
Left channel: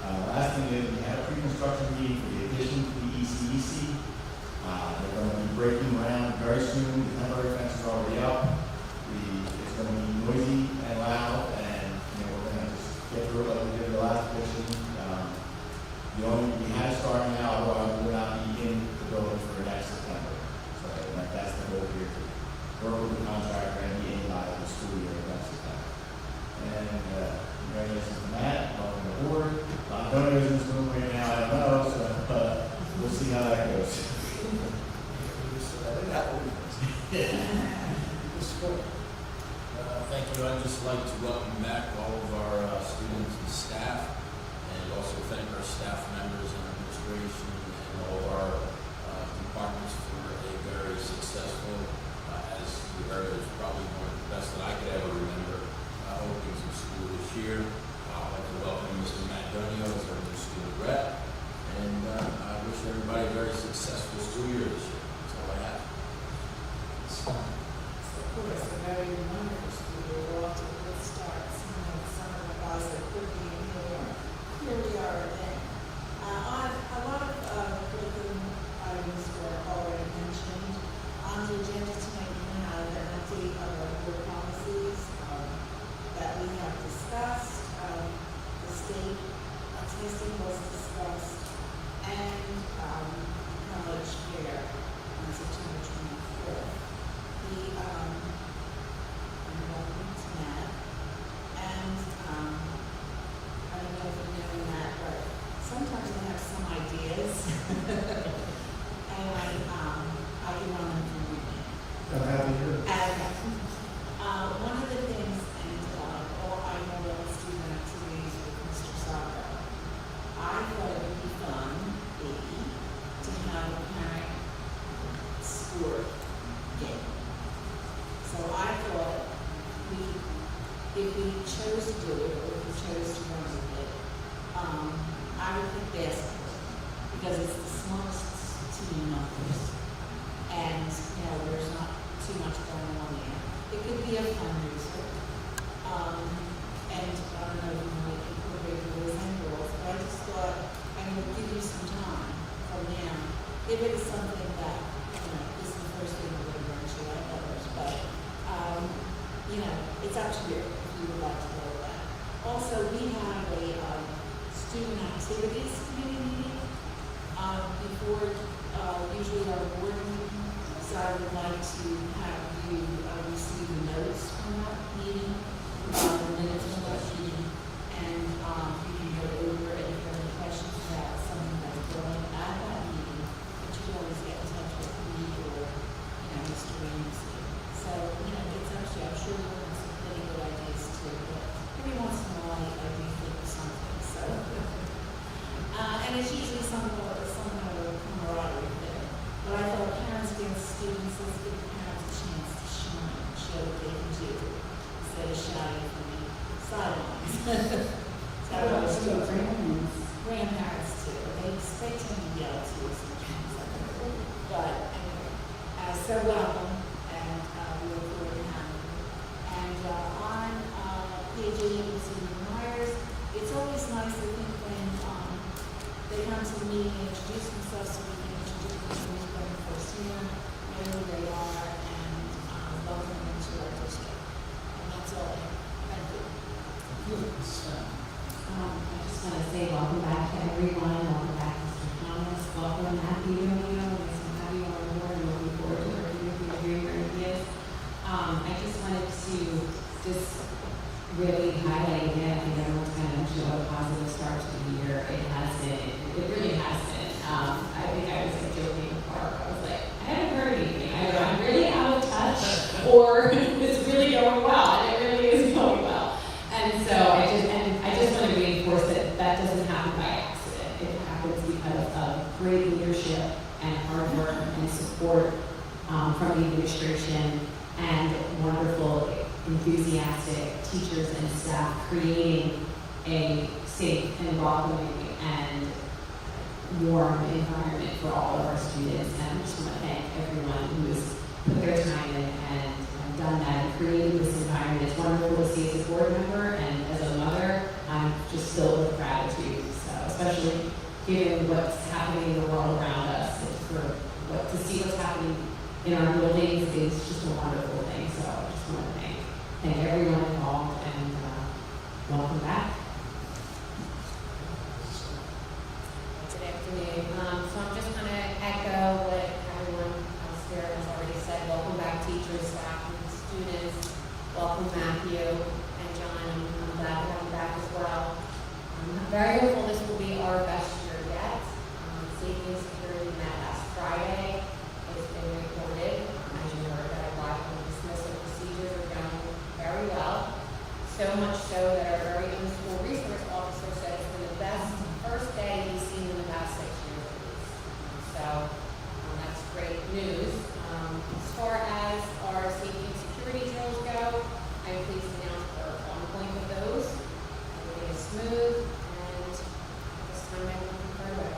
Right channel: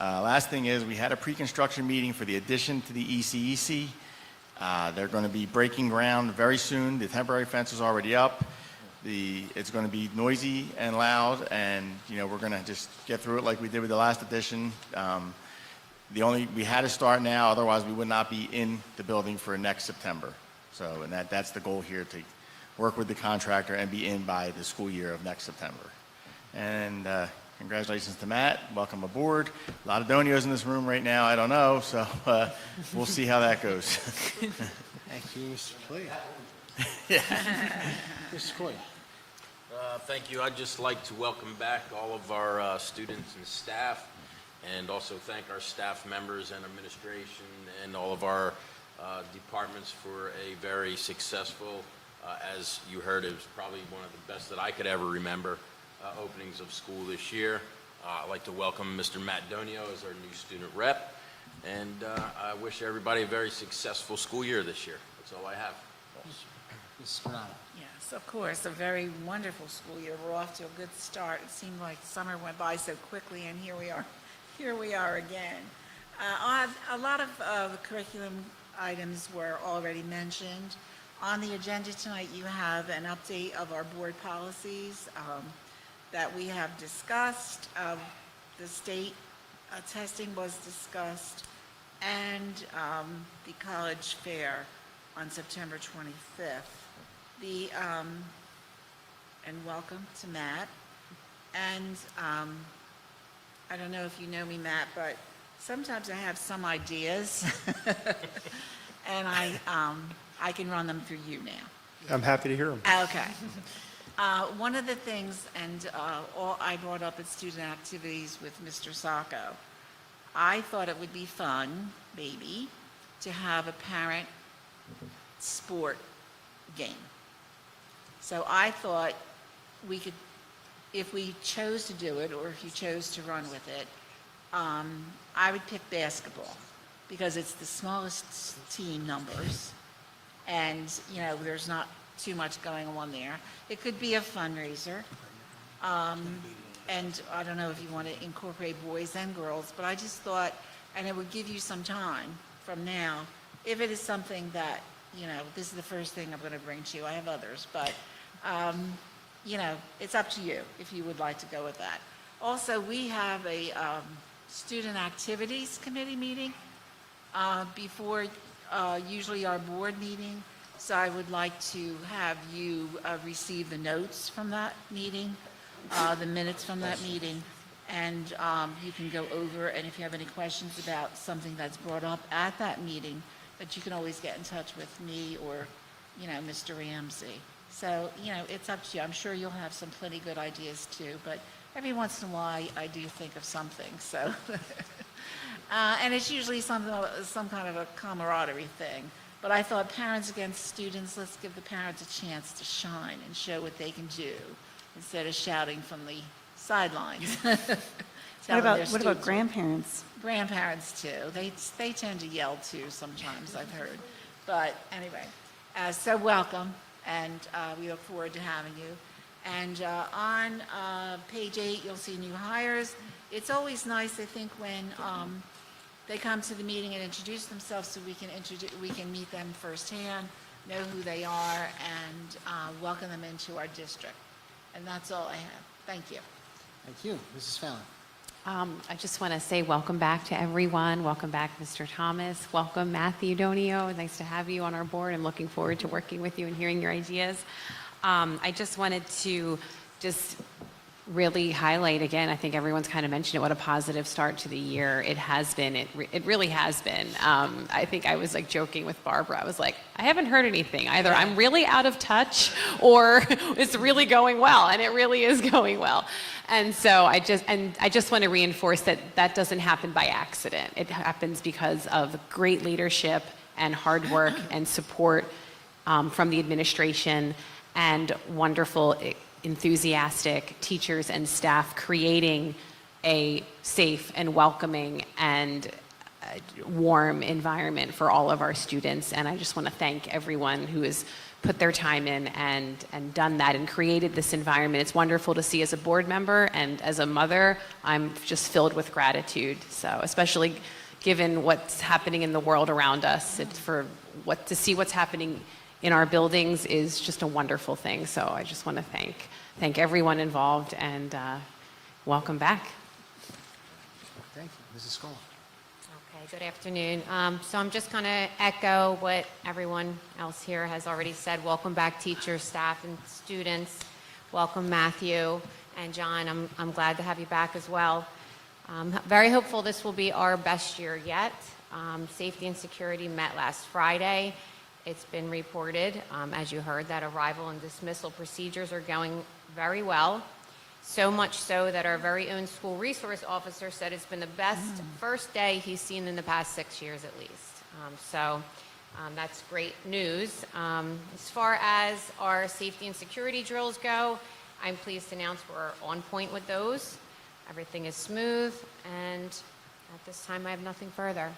Last thing is we had a pre-construction meeting for the addition to the ECEC. They're going to be breaking ground very soon. The temporary fence is already up. It's going to be noisy and loud, and we're going to just get through it like we did with the last addition. We had to start now, otherwise we would not be in the building for next September. So that's the goal here, to work with the contractor and be in by the school year of next September. And congratulations to Matt. Welcome aboard. A lot of Donios in this room right now. I don't know, so we'll see how that goes. Thank you, Mr. Levy. Mr. Cleve. Thank you. I'd just like to welcome back all of our students and staff, and also thank our staff members and administration and all of our departments for a very successful, as you heard, it was probably one of the best that I could ever remember, openings of school this year. I'd like to welcome Mr. Matt Donio as our new student rep, and I wish everybody a very successful school year this year. That's all I have. Yes, of course, a very wonderful school year. We're off to a good start. It seemed like summer went by so quickly, and here we are. Here we are again. A lot of curriculum items were already mentioned. On the agenda tonight, you have an update of our board policies that we have discussed. The state testing was discussed, and the college fair on September 25th. And welcome to Matt. And I don't know if you know me, Matt, but sometimes I have some ideas, and I can run them through you now. I'm happy to hear it. Okay. One of the things, and I brought up at student activities with Mr. Sacco, I thought it would be fun, maybe, to have a parent sport game. So I thought we could, if we chose to do it, or if you chose to run with it, I would pick basketball, because it's the smallest team numbers, and there's not too much going on there. It could be a fundraiser, and I don't know if you want to incorporate boys and girls, but I just thought, and it would give you some time from now, if it is something that, this is the first thing I'm going to bring to you. I have others, but it's up to you if you would like to go with that. Also, we have a student activities committee meeting before usually our board meeting. So I would like to have you receive the notes from that meeting, the minutes from that meeting, and you can go over, and if you have any questions about something that's brought up at that meeting, but you can always get in touch with me or, Mr. Ramsey. So, it's up to you. I'm sure you'll have some pretty good ideas too, but every once in a while I do think of something, so. And it's usually some kind of a camaraderie thing. But I thought parents against students, let's give the parents a chance to shine and show what they can do instead of shouting from the sidelines. What about grandparents? Grandparents too. They tend to yell too sometimes, I've heard. But anyway, so welcome, and we look forward to having you. And on page 8, you'll see new hires. It's always nice, I think, when they come to the meeting and introduce themselves, so we can meet them firsthand, know who they are, and welcome them into our district. And that's all I have. Thank you. Thank you. Mrs. Fenn. I just want to say welcome back to everyone. Welcome back, Mr. Thomas. Welcome, Matthew Donio. Nice to have you on our board. I'm looking forward to working with you and hearing your ideas. I just wanted to really highlight again, I think everyone's kind of mentioned it, what a positive start to the year it has been. It really has been. I think I was like joking with Barbara. I was like, I haven't heard anything. Either I'm really out of touch or it's really going well, and it really is going well. And so I just want to reinforce that that doesn't happen by accident. It happens because of great leadership and hard work and support from the administration and wonderful, enthusiastic teachers and staff creating a safe and welcoming and warm environment for all of our students. And I just want to thank everyone who has put their time in and done that and created this environment. It's wonderful to see as a board member, and as a mother, I'm just filled with gratitude. So especially given what's happening in the world around us, to see what's happening in our buildings is just a wonderful thing. So I just want to thank everyone involved, and welcome back. Good afternoon. So I'm just going to echo what everyone else here has already said. Welcome back, teachers, staff, and students. Welcome, Matthew and John. I'm glad to have you back as well. I'm very hopeful this will be our best year yet. Safety and security met last Friday. It's been reported, as you heard, that arrival and dismissal procedures are going very well. So much so that our very own school resource officer said it's been the best first day he's seen in the past 6 years at least. That's great news. As far as our safety and security drills go, I'm pleased to announce we're on point with those. Everything is smooth, and this time I have nothing further.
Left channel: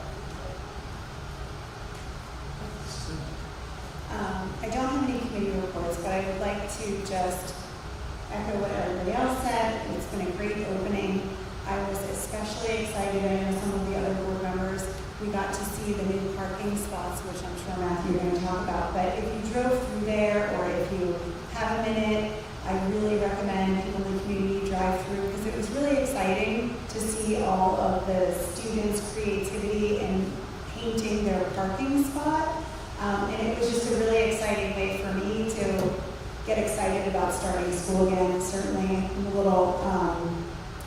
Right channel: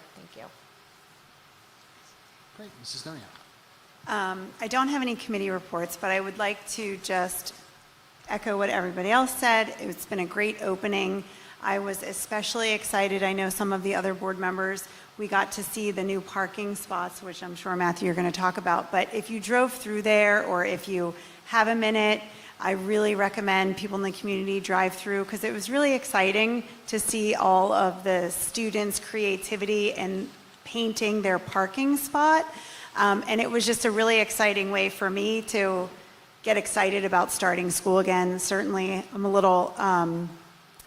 I don't have any committee reports, but I would like to just echo what everybody else said. It's been a great opening. I was especially excited. I know some of the other board members, we got to see the new parking spots, which I'm sure, Matthew, you're going to talk about. But if you drove through there, or if you have a minute, I really recommend people in the community drive through, because it was really exciting to see all of the students' creativity in painting their parking spot. And it was just a really exciting way for me to get excited about starting school again. Certainly, I'm a little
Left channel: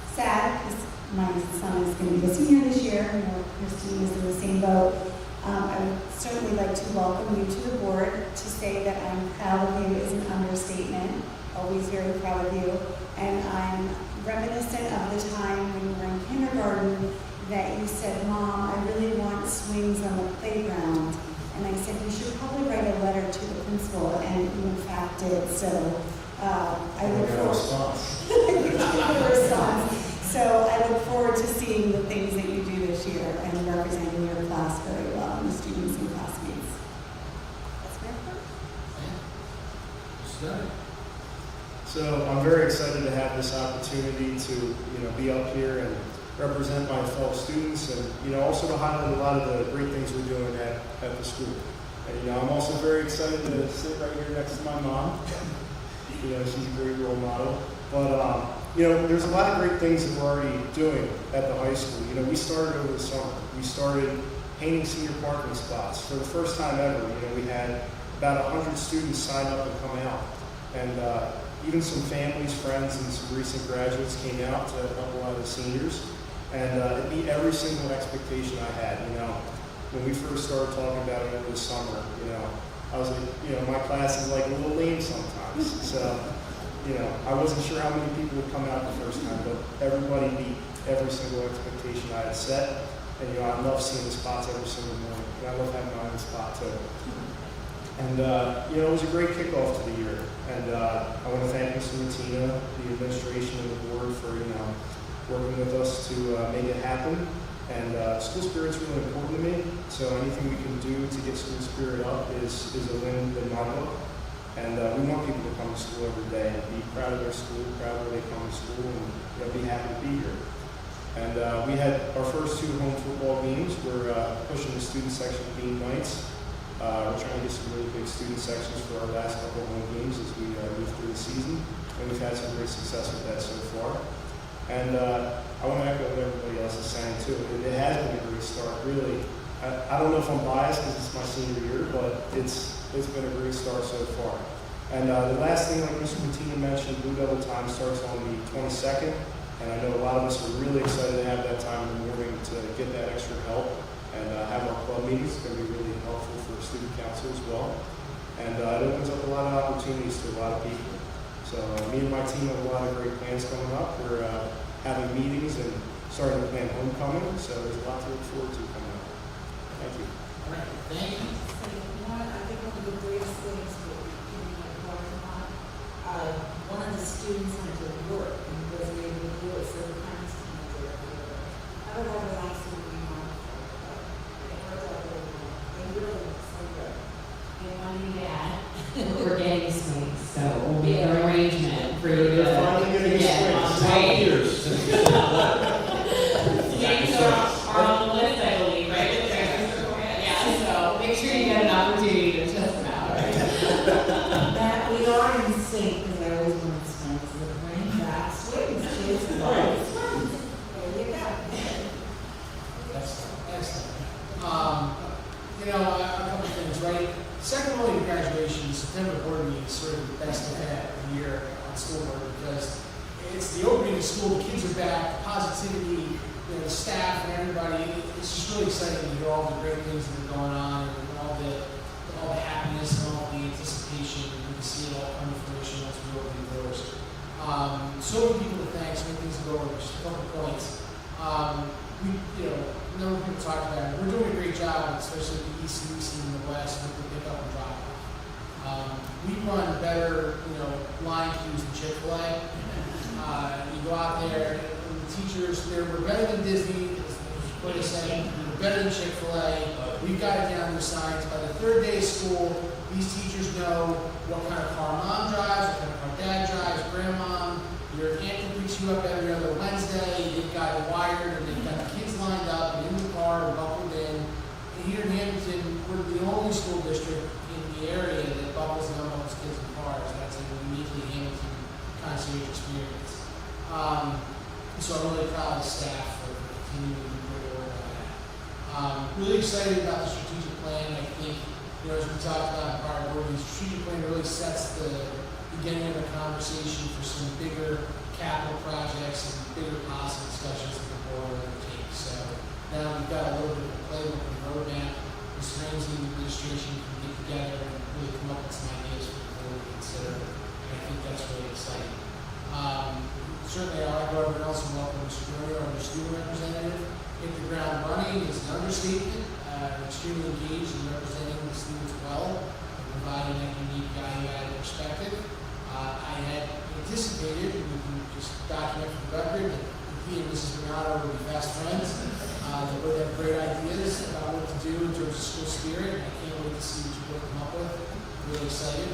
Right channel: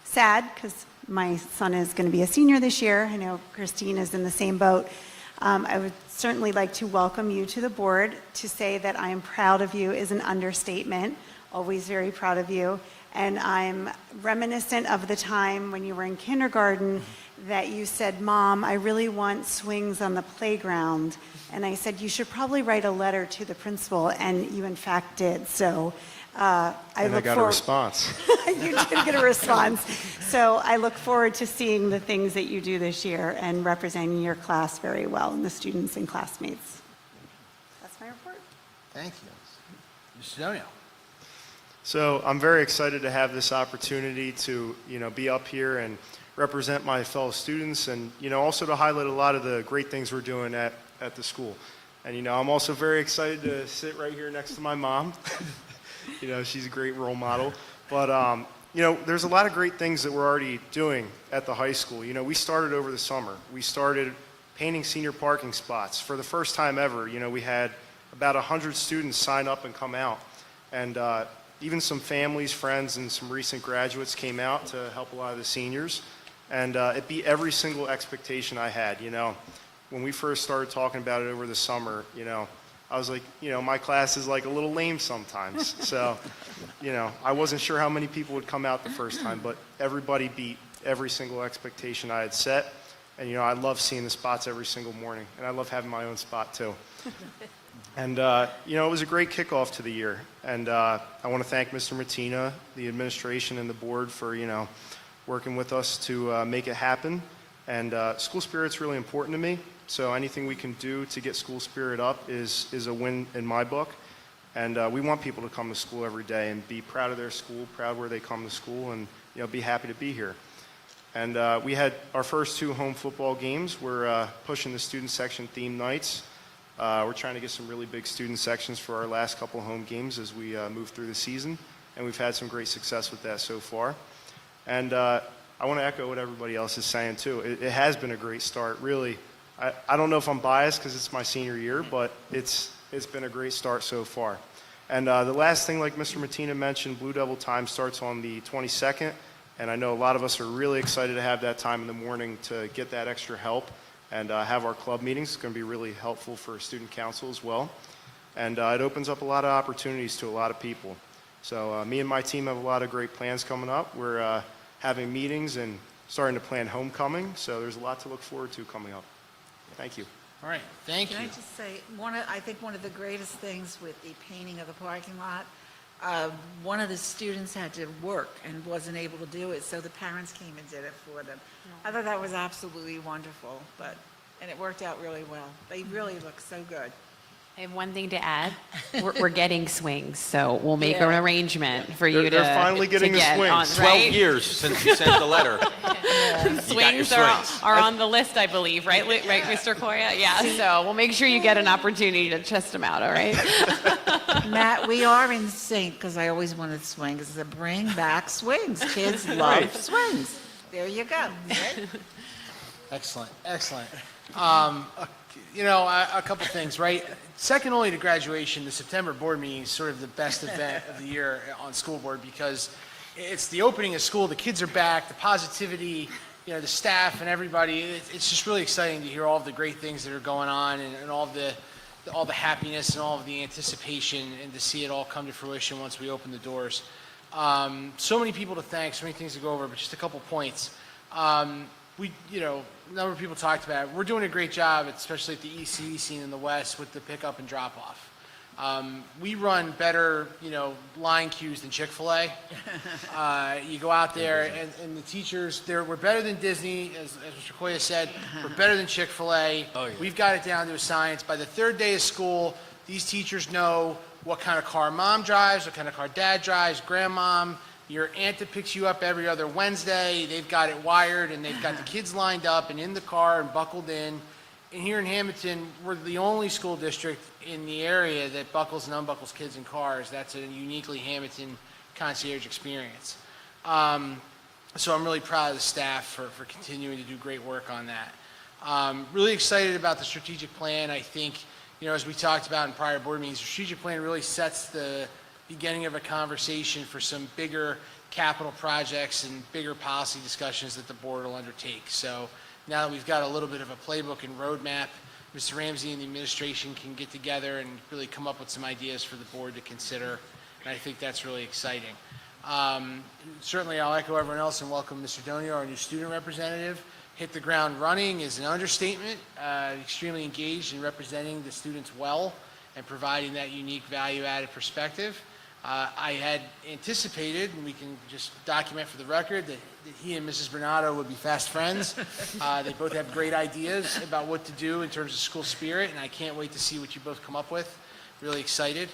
sad because my son is going to be a senior this year. I know Christine is in the same boat. I would certainly like to welcome you to the board. To say that I am proud of you is an understatement. Always very proud of you. And I'm reminiscent of the time when you were in kindergarten that you said, "Mom, I really want swings on the playground." And I said, "You should probably write a letter to the principal," and you in fact did. So I got a response. You did get a response. So I look forward to seeing the things that you do this year and representing your class very well and the students and classmates. That's my report. Thank you. Mr. Donian. So I'm very excited to have this opportunity to, be up here and represent my fellow students, and also to highlight a lot of the great things we're doing at the school. And I'm also very excited to sit right here next to my mom. She's a great role model. But there's a lot of great things that we're already doing at the high school. We started over the summer. We started painting senior parking spots for the first time ever. We had about 100 students sign up and come out, and even some families, friends, and some recent graduates came out to help a lot of the seniors. And it beat every single expectation I had. When we first started talking about it over the summer, I was like, my class is like a little lame sometimes. So, I wasn't sure how many people would come out the first time, but everybody beat every single expectation I had set. And, I love seeing the spots every single morning, and I love having my own spot too. And, it was a great kickoff to the year. And I want to thank Mr. Mattina, the administration, and the board for, working with us to make it happen. And school spirit's really important to me, so anything we can do to get school spirit up is a win in my book. And we want people to come to school every day and be proud of their school, proud where they come to school, and be happy to be here. And we had our first 2 home football games. We're pushing the student section theme nights. We're trying to get some really big student sections for our last couple of home games as we move through the season, and we've had some great success with that so far. And I want to echo what everybody else is saying too. It has been a great start, really. I don't know if I'm biased because it's my senior year, but it's been a great start so far. And the last thing, like Mr. Martina mentioned, Blue Devil time starts on the 22nd, and I know a lot of us are really excited to have that time in the morning to get that extra help and have our club meetings. It's going to be really helpful for student council as well. And it opens up a lot of opportunities to a lot of people. So me and my team have a lot of great plans coming up. We're having meetings and starting to plan homecoming, so there's a lot to look forward to coming up. Thank you. All right, thank you. Can I just say, I think one of the greatest things with the painting of the parking lot, one of the students had to work and wasn't able to do it, so the parents came and did it for them. I thought that was absolutely wonderful, and it worked out really well. They really look so good. And one thing to add, we're getting swings, so we'll make an arrangement for you to They're finally getting a get swing. on, 12 right? years since you sent the letter. Swings are on the list, I believe, right, right, Mr. Koya? Yeah, so we'll make sure you get an opportunity to test them out, all right? Matt, we are in sync, because I always wanted swings, to bring back swings. Kids love swings. There you go. Excellent, excellent. A couple of things, right? Second only to graduation, the September board meeting is sort of the best event of the year on school board because it's the opening of school, the kids are back, the positivity, the staff and everybody. It's just really exciting to hear all the great things that are going on and all the happiness and all the anticipation and to see it all come to fruition once we open the doors. So many people to thank, so many things to go over, but just a couple of points. A number of people talked about it. We're doing a great job, especially at the EC scene in the West, with the pickup and drop off. We run better, line queues than Chick-fil-A. You go out there, and the teachers, we're better than Disney, as Koya said, we're better than Chick-fil-A. We've got it down to a science. By the third day of school, these teachers know what kind of car mom drives, what kind of car dad drives, grandmom. Your aunt that picks you up every other Wednesday, they've got it wired and they've got the kids lined up and in the car and buckled in. And here in Hammonton, we're the only school district in the area that buckles and unbuckles kids in cars. That's a uniquely Hammonton concierge experience. So I'm really proud of the staff for continuing to do great work on that. Really excited about the strategic plan. I think, as we talked about in prior board meetings, the strategic plan really sets the beginning of a conversation for some bigger capital projects and bigger policy discussions that the board will undertake. So now that we've got a little bit of a playbook and roadmap, Mr. Ramsey and the administration can get together and really come up with some ideas for the board to consider, and I think that's really exciting. Certainly I'll echo everyone else and welcome Mr. Donio, our new student representative. Hit the ground running is an understatement, extremely engaged in representing the students well and providing that unique value-added perspective. I had anticipated, we can just document for the record, that he and Mrs. Bernardo would be fast friends. They both have great ideas about what to do in terms of school spirit, and I can't wait to see what you both come up with. Really excited.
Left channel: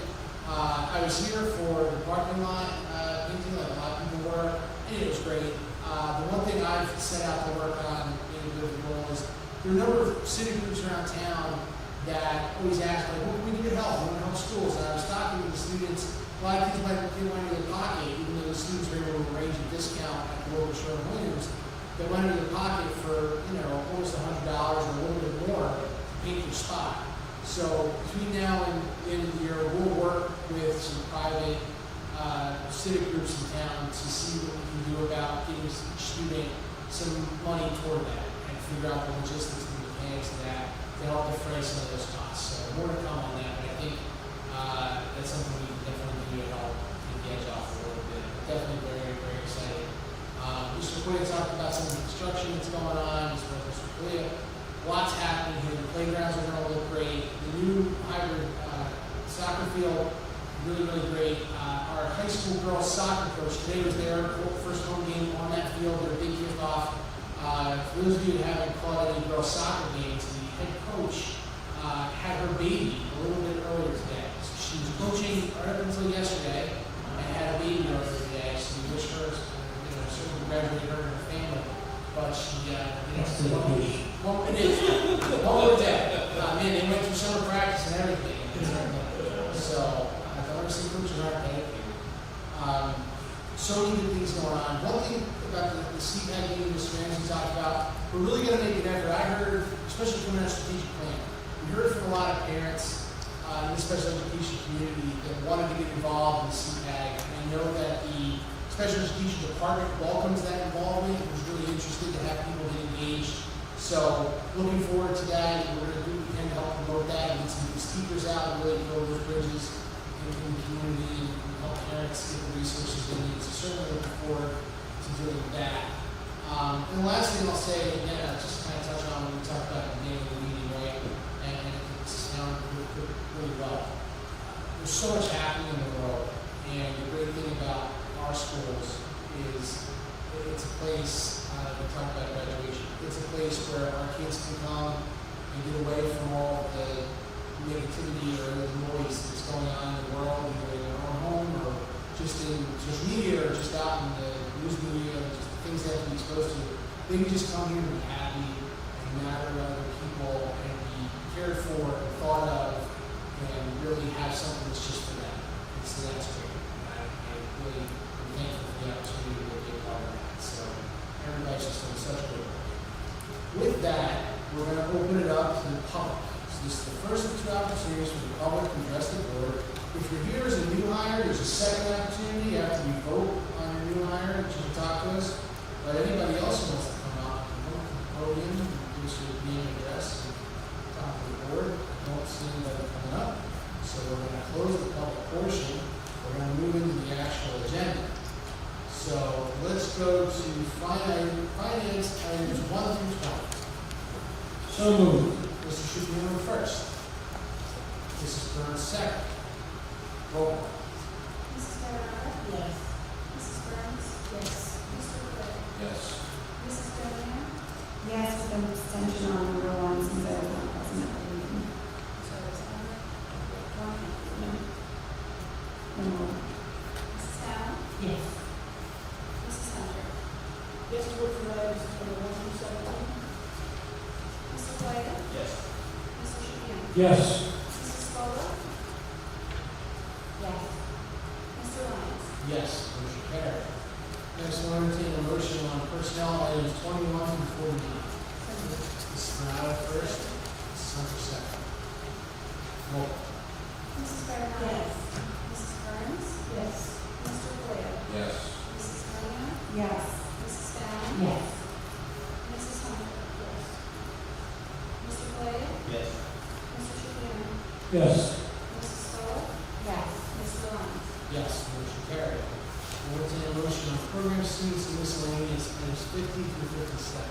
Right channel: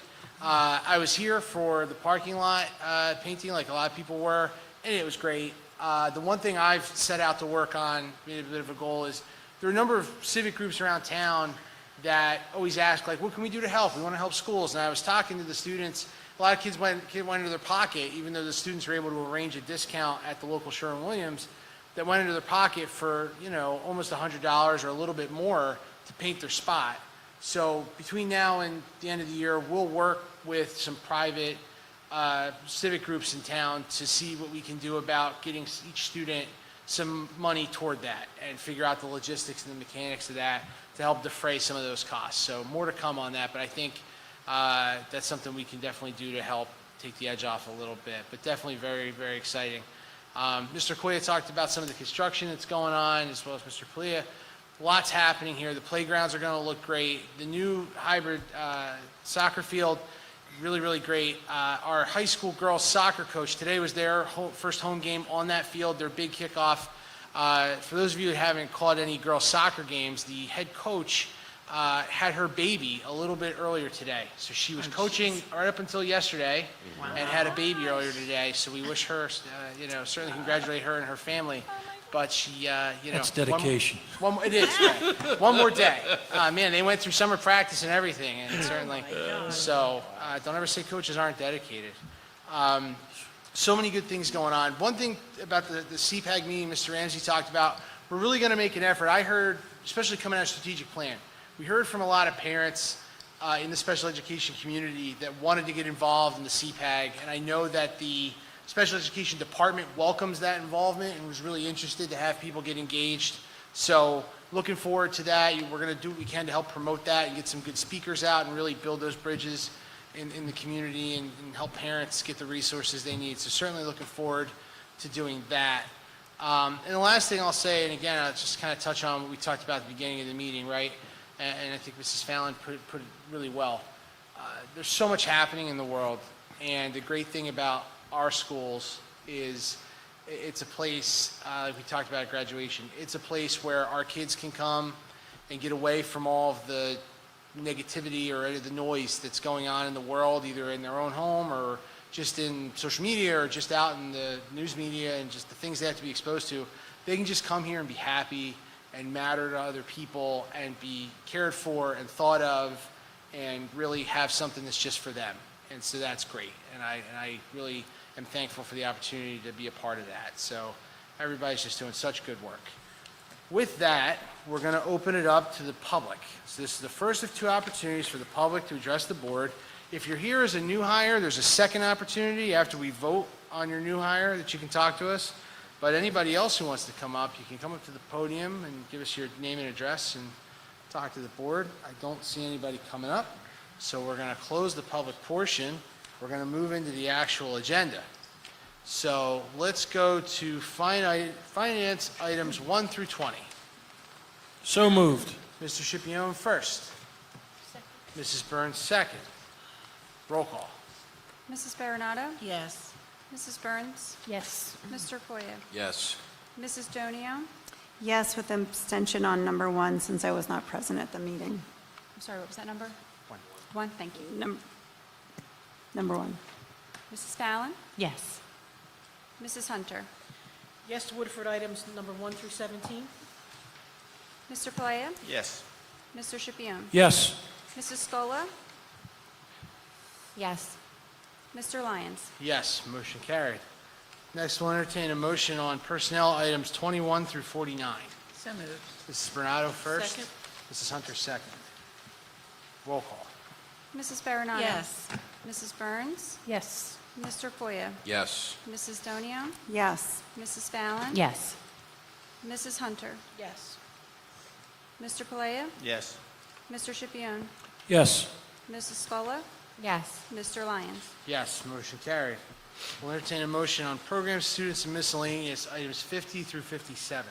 I was here for the parking lot painting, like a lot of people were, and it was great. The one thing I've set out to work on, made a bit of a goal, is there are a number of civic groups around town that always ask, like, what can we do to help? We want to help schools. And I was talking to the students. A lot of kids went into their pocket, even though the students were able to arrange a discount at the local Sherwin-Williams, that went into their pocket for, almost $100 or a little bit more to paint their spot. So between now and the end of the year, we'll work with some private civic groups in town to see what we can do about getting each student some money toward that and figure out the logistics and the mechanics of that to help defray some of those costs. So more to come on that, but I think that's something we can definitely do to help take the edge off a little bit, but definitely very, very exciting. Mr. Koya talked about some of the construction that's going on, as well as Mr. Koya. Lots happening here. The playgrounds are going to look great. The new hybrid soccer field, really, really great. Our high school girls soccer coach today was there, first home game on that field, their big kickoff. For those of you that haven't caught any girls soccer games, the head coach had her baby a little bit earlier today. So she was coaching right up until yesterday and had a baby earlier today. So we wish her, certainly congratulate her and her family. But she, That's dedication. It is. One more day. Man, they went through summer practice and everything, and certainly. So don't ever say coaches aren't dedicated. So many good things going on. One thing about the CPAC meeting Mr. Ramsey talked about, we're really going to make an effort. I heard, especially coming out of strategic plan, we heard from a lot of parents in the special education community that wanted to get involved in the CPAG. And I know that the special education department welcomes that involvement and was really interested to have people get engaged. So looking forward to that. We're going to do what we can to help promote that and get some good speakers out and really build those bridges in the community and help parents get the resources they need. So certainly looking forward to doing that. And the last thing I'll say, and again, I'll just kind of touch on what we talked about at the beginning of the meeting, right? And I think Mrs. Fallon put it really well. There's so much happening in the world, and the great thing about our schools is it's a place, like we talked about at graduation, it's a place where our kids can come and get away from all of the negativity or any of the noise that's going on in the world, either in their own home or just in social media or just out in the news media and just the things they have to be exposed to. They can just come here and be happy and matter to other people and be cared for and thought of and really have something that's just for them. And so that's great. And I really am thankful for the opportunity to be a part of that. So everybody's just doing such good work. With that, we're going to open it up to the public. So this is the first of two opportunities for the public to address the board. If you're here as a new hire, there's a second opportunity after we vote on your new hire that you can talk to us. But anybody else who wants to come up, you can come to the podium and give us your name and address and talk to the board. I don't see anybody coming up. So we're going to close the public portion. We're going to move into the actual agenda. So let's go to finance items 1 through 20. So moved. Mr. Schipione first. Mrs. Burns second. Roll call. Mrs. Baronato? Yes. Mrs. Burns? Yes. Mr. Foya? Yes. Mrs. Donio? Yes, with abstention on number 1 since I was not present at the meeting. I'm sorry, what was that number? 1, thank you. Number 1. Mrs. Fallon? Yes. Mrs. Hunter? Yes to Woodford items number 1 through 17. Mr. Foya? Yes. Mr. Schipione? Yes. Mrs. Scola? Yes. Mr. Lyons? Yes, motion carried. Next, we'll entertain a motion on personnel items 21 through 49. So moved. Mrs. Bernardo first. Second. Mrs. Hunter second. Roll call. Mrs. Baronato? Yes. Mrs. Burns? Yes. Mr. Foya? Yes. Mrs. Donio? Yes. Mrs. Fallon? Yes. Mrs. Hunter? Yes. Mr. Foya? Yes. Mr. Schipione? Yes. Mrs. Scola? Yes. Mr. Lyons? Yes, motion carried. We'll entertain a motion on program students and miscellaneous items 50 through 57.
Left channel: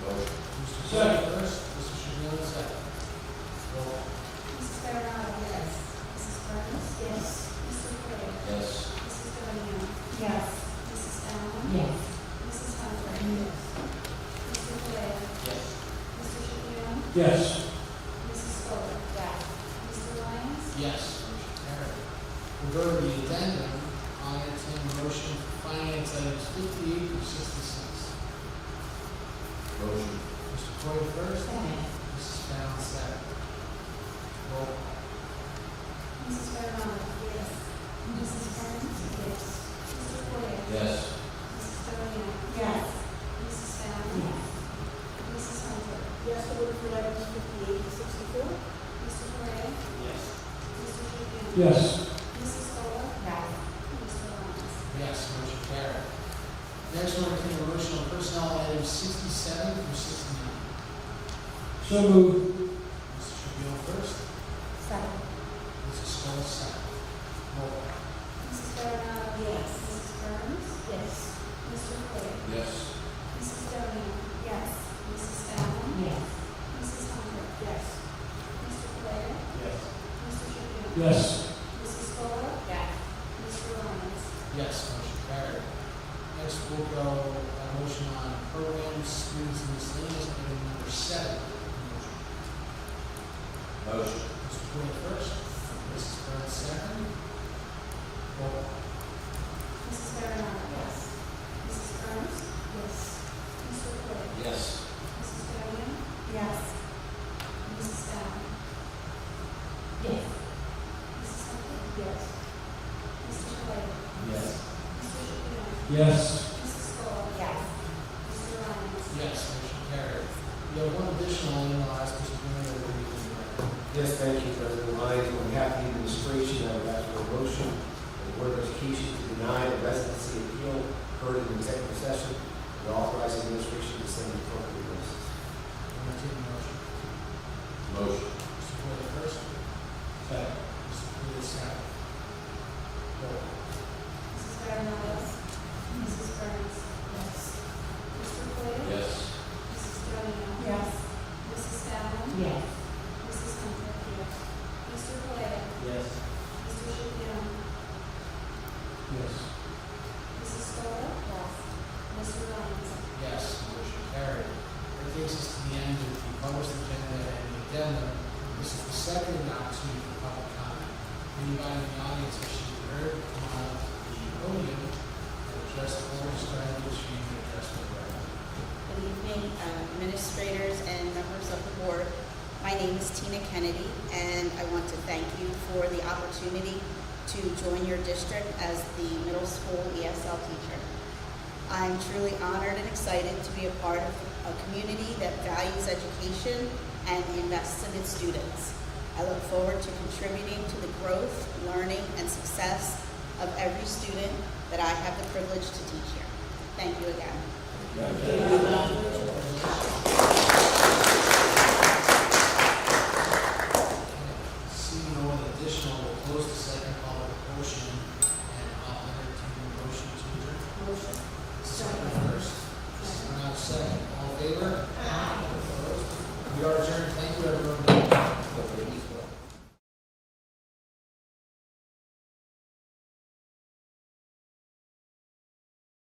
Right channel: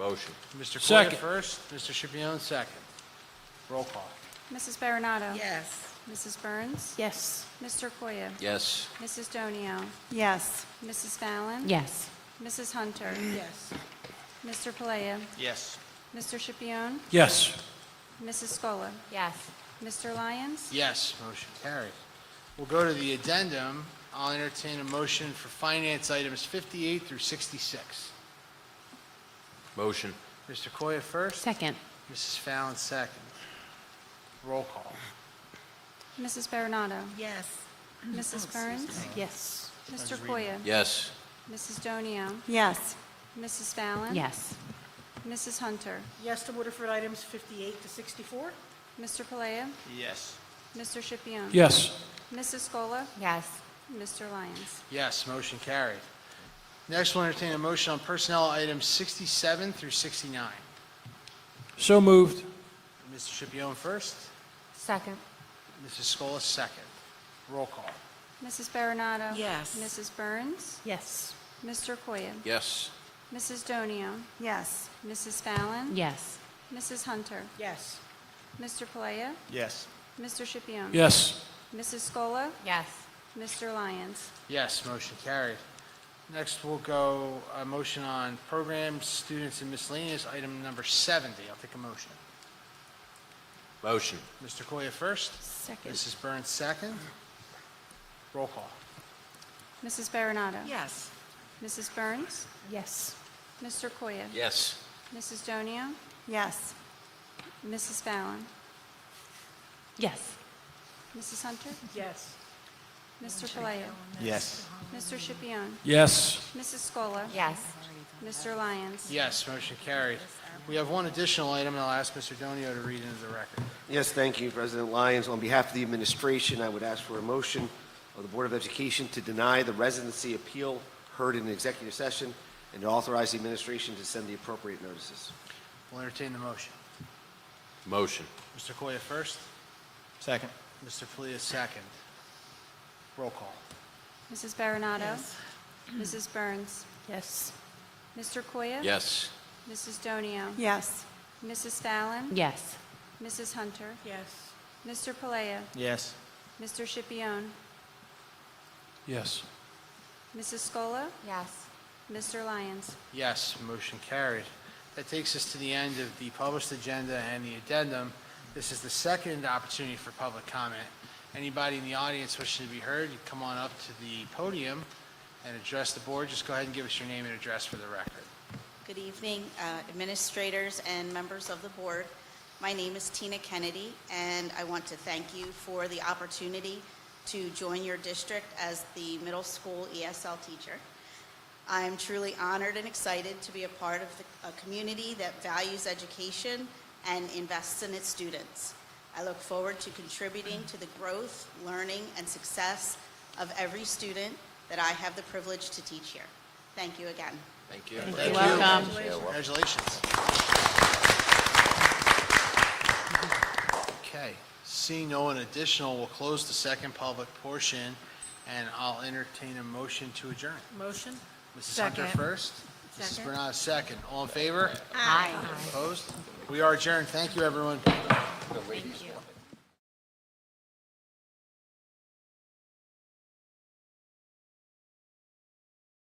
Motion. Mr. Second. Coyle first, Mr. Schipione second. Roll call. Mrs. Baronato? Yes. Mrs. Burns? Yes. Mr. Foya? Yes. Mrs. Donio? Yes. Mrs. Fallon? Yes. Mrs. Hunter? Yes. Mr. Foya? Yes. Mr. Schipione? Yes. Mrs. Scola? Yes. Mr. Lyons? Yes, motion carried. We'll go to the addendum. I'll entertain a motion for finance items 58 through 66. Motion. Mr. Coyle first. Second. Mrs. Fallon second. Roll call. Mrs. Baronato? Yes. Mrs. Burns? Yes. Mr. Foya? Yes. Mrs. Donio? Yes. Mrs. Fallon? Yes. Mrs. Hunter? Yes to Woodford items 58 to 64. Mr. Foya? Yes. Mr. Schipione? Yes. Mrs. Scola? Yes. Mr. Lyons? Yes, motion carried. Next, we'll entertain a motion on personnel items 67 through 69. So moved. Mr. Schipione first. Second. Mrs. Scola second. Roll call. Mrs. Baronato? Yes. Mrs. Burns? Yes. Mr. Foya? Yes. Mrs. Donio? Yes. Mrs. Fallon? Yes. Mrs. Hunter? Yes. Mr. Foya? Yes. Mr. Schipione? Yes. Mrs. Scola? Yes. Mr. Lyons? Yes, motion carried. Next, we'll go a motion on programs, students, and miscellaneous item number 7. I'll take a motion. Motion. Mr. Coyle first. Mrs. Burns second. Roll call. Mrs. Baronato? Yes. Mrs. Burns? Yes. Mr. Foya? Yes. Mrs. Donio? Yes. Mrs. Fallon? Yes. Mrs. Hunter? Yes. Mr. Foya? Yes. Mr. Schipione? Yes. Mrs. Scola? Yes. Mr. Lyons? Yes, motion carried. We have one additional item, and I'll ask Mr. Donio to read it into the record. Yes, thank you, President Lyons. On behalf of the administration, I would ask for a motion for the Board of Education to deny the residency appeal heard in executive session and authorize the administration to send the appropriate notices. I'll entertain the motion. Motion. Mr. Koya first. Second. Mr. Kalia second. Roll call. Mrs. Baronato? Mrs. Burns? Yes. Mr. Koya? Yes. Mrs. Donio? Yes. Mrs. Fallon? Yes. Mrs. Hunter? Yes. Mr. Palea? Yes. Mr. Shipion? Yes. Mrs. Scola? Yes. Mr. Lyons? Yes, motion carried. That takes us to the end of the published agenda and the addendum. This is the second opportunity for public comment. Anybody in the audience wishing to be heard, come on up to the podium and address the board. Just go ahead and give us your name and address for the record. Good evening, administrators and members of the board. My name is Tina Kennedy, and I want to thank you for the opportunity to join your district as the middle school ESL teacher. I'm truly honored and excited to be a part of a community that values education and invests in its students. I look forward to contributing to the growth, learning, and success of every student that I have the privilege to teach here. Thank you again. Thank you. Welcome. Congratulations. Okay, seeing no one additional, we'll close the second public portion, and I'll entertain a motion to adjourn. Motion. Second Second. first. Mrs. Bernard second. All in favor? Aye. Opposed? We are adjourned. Thank you, everyone.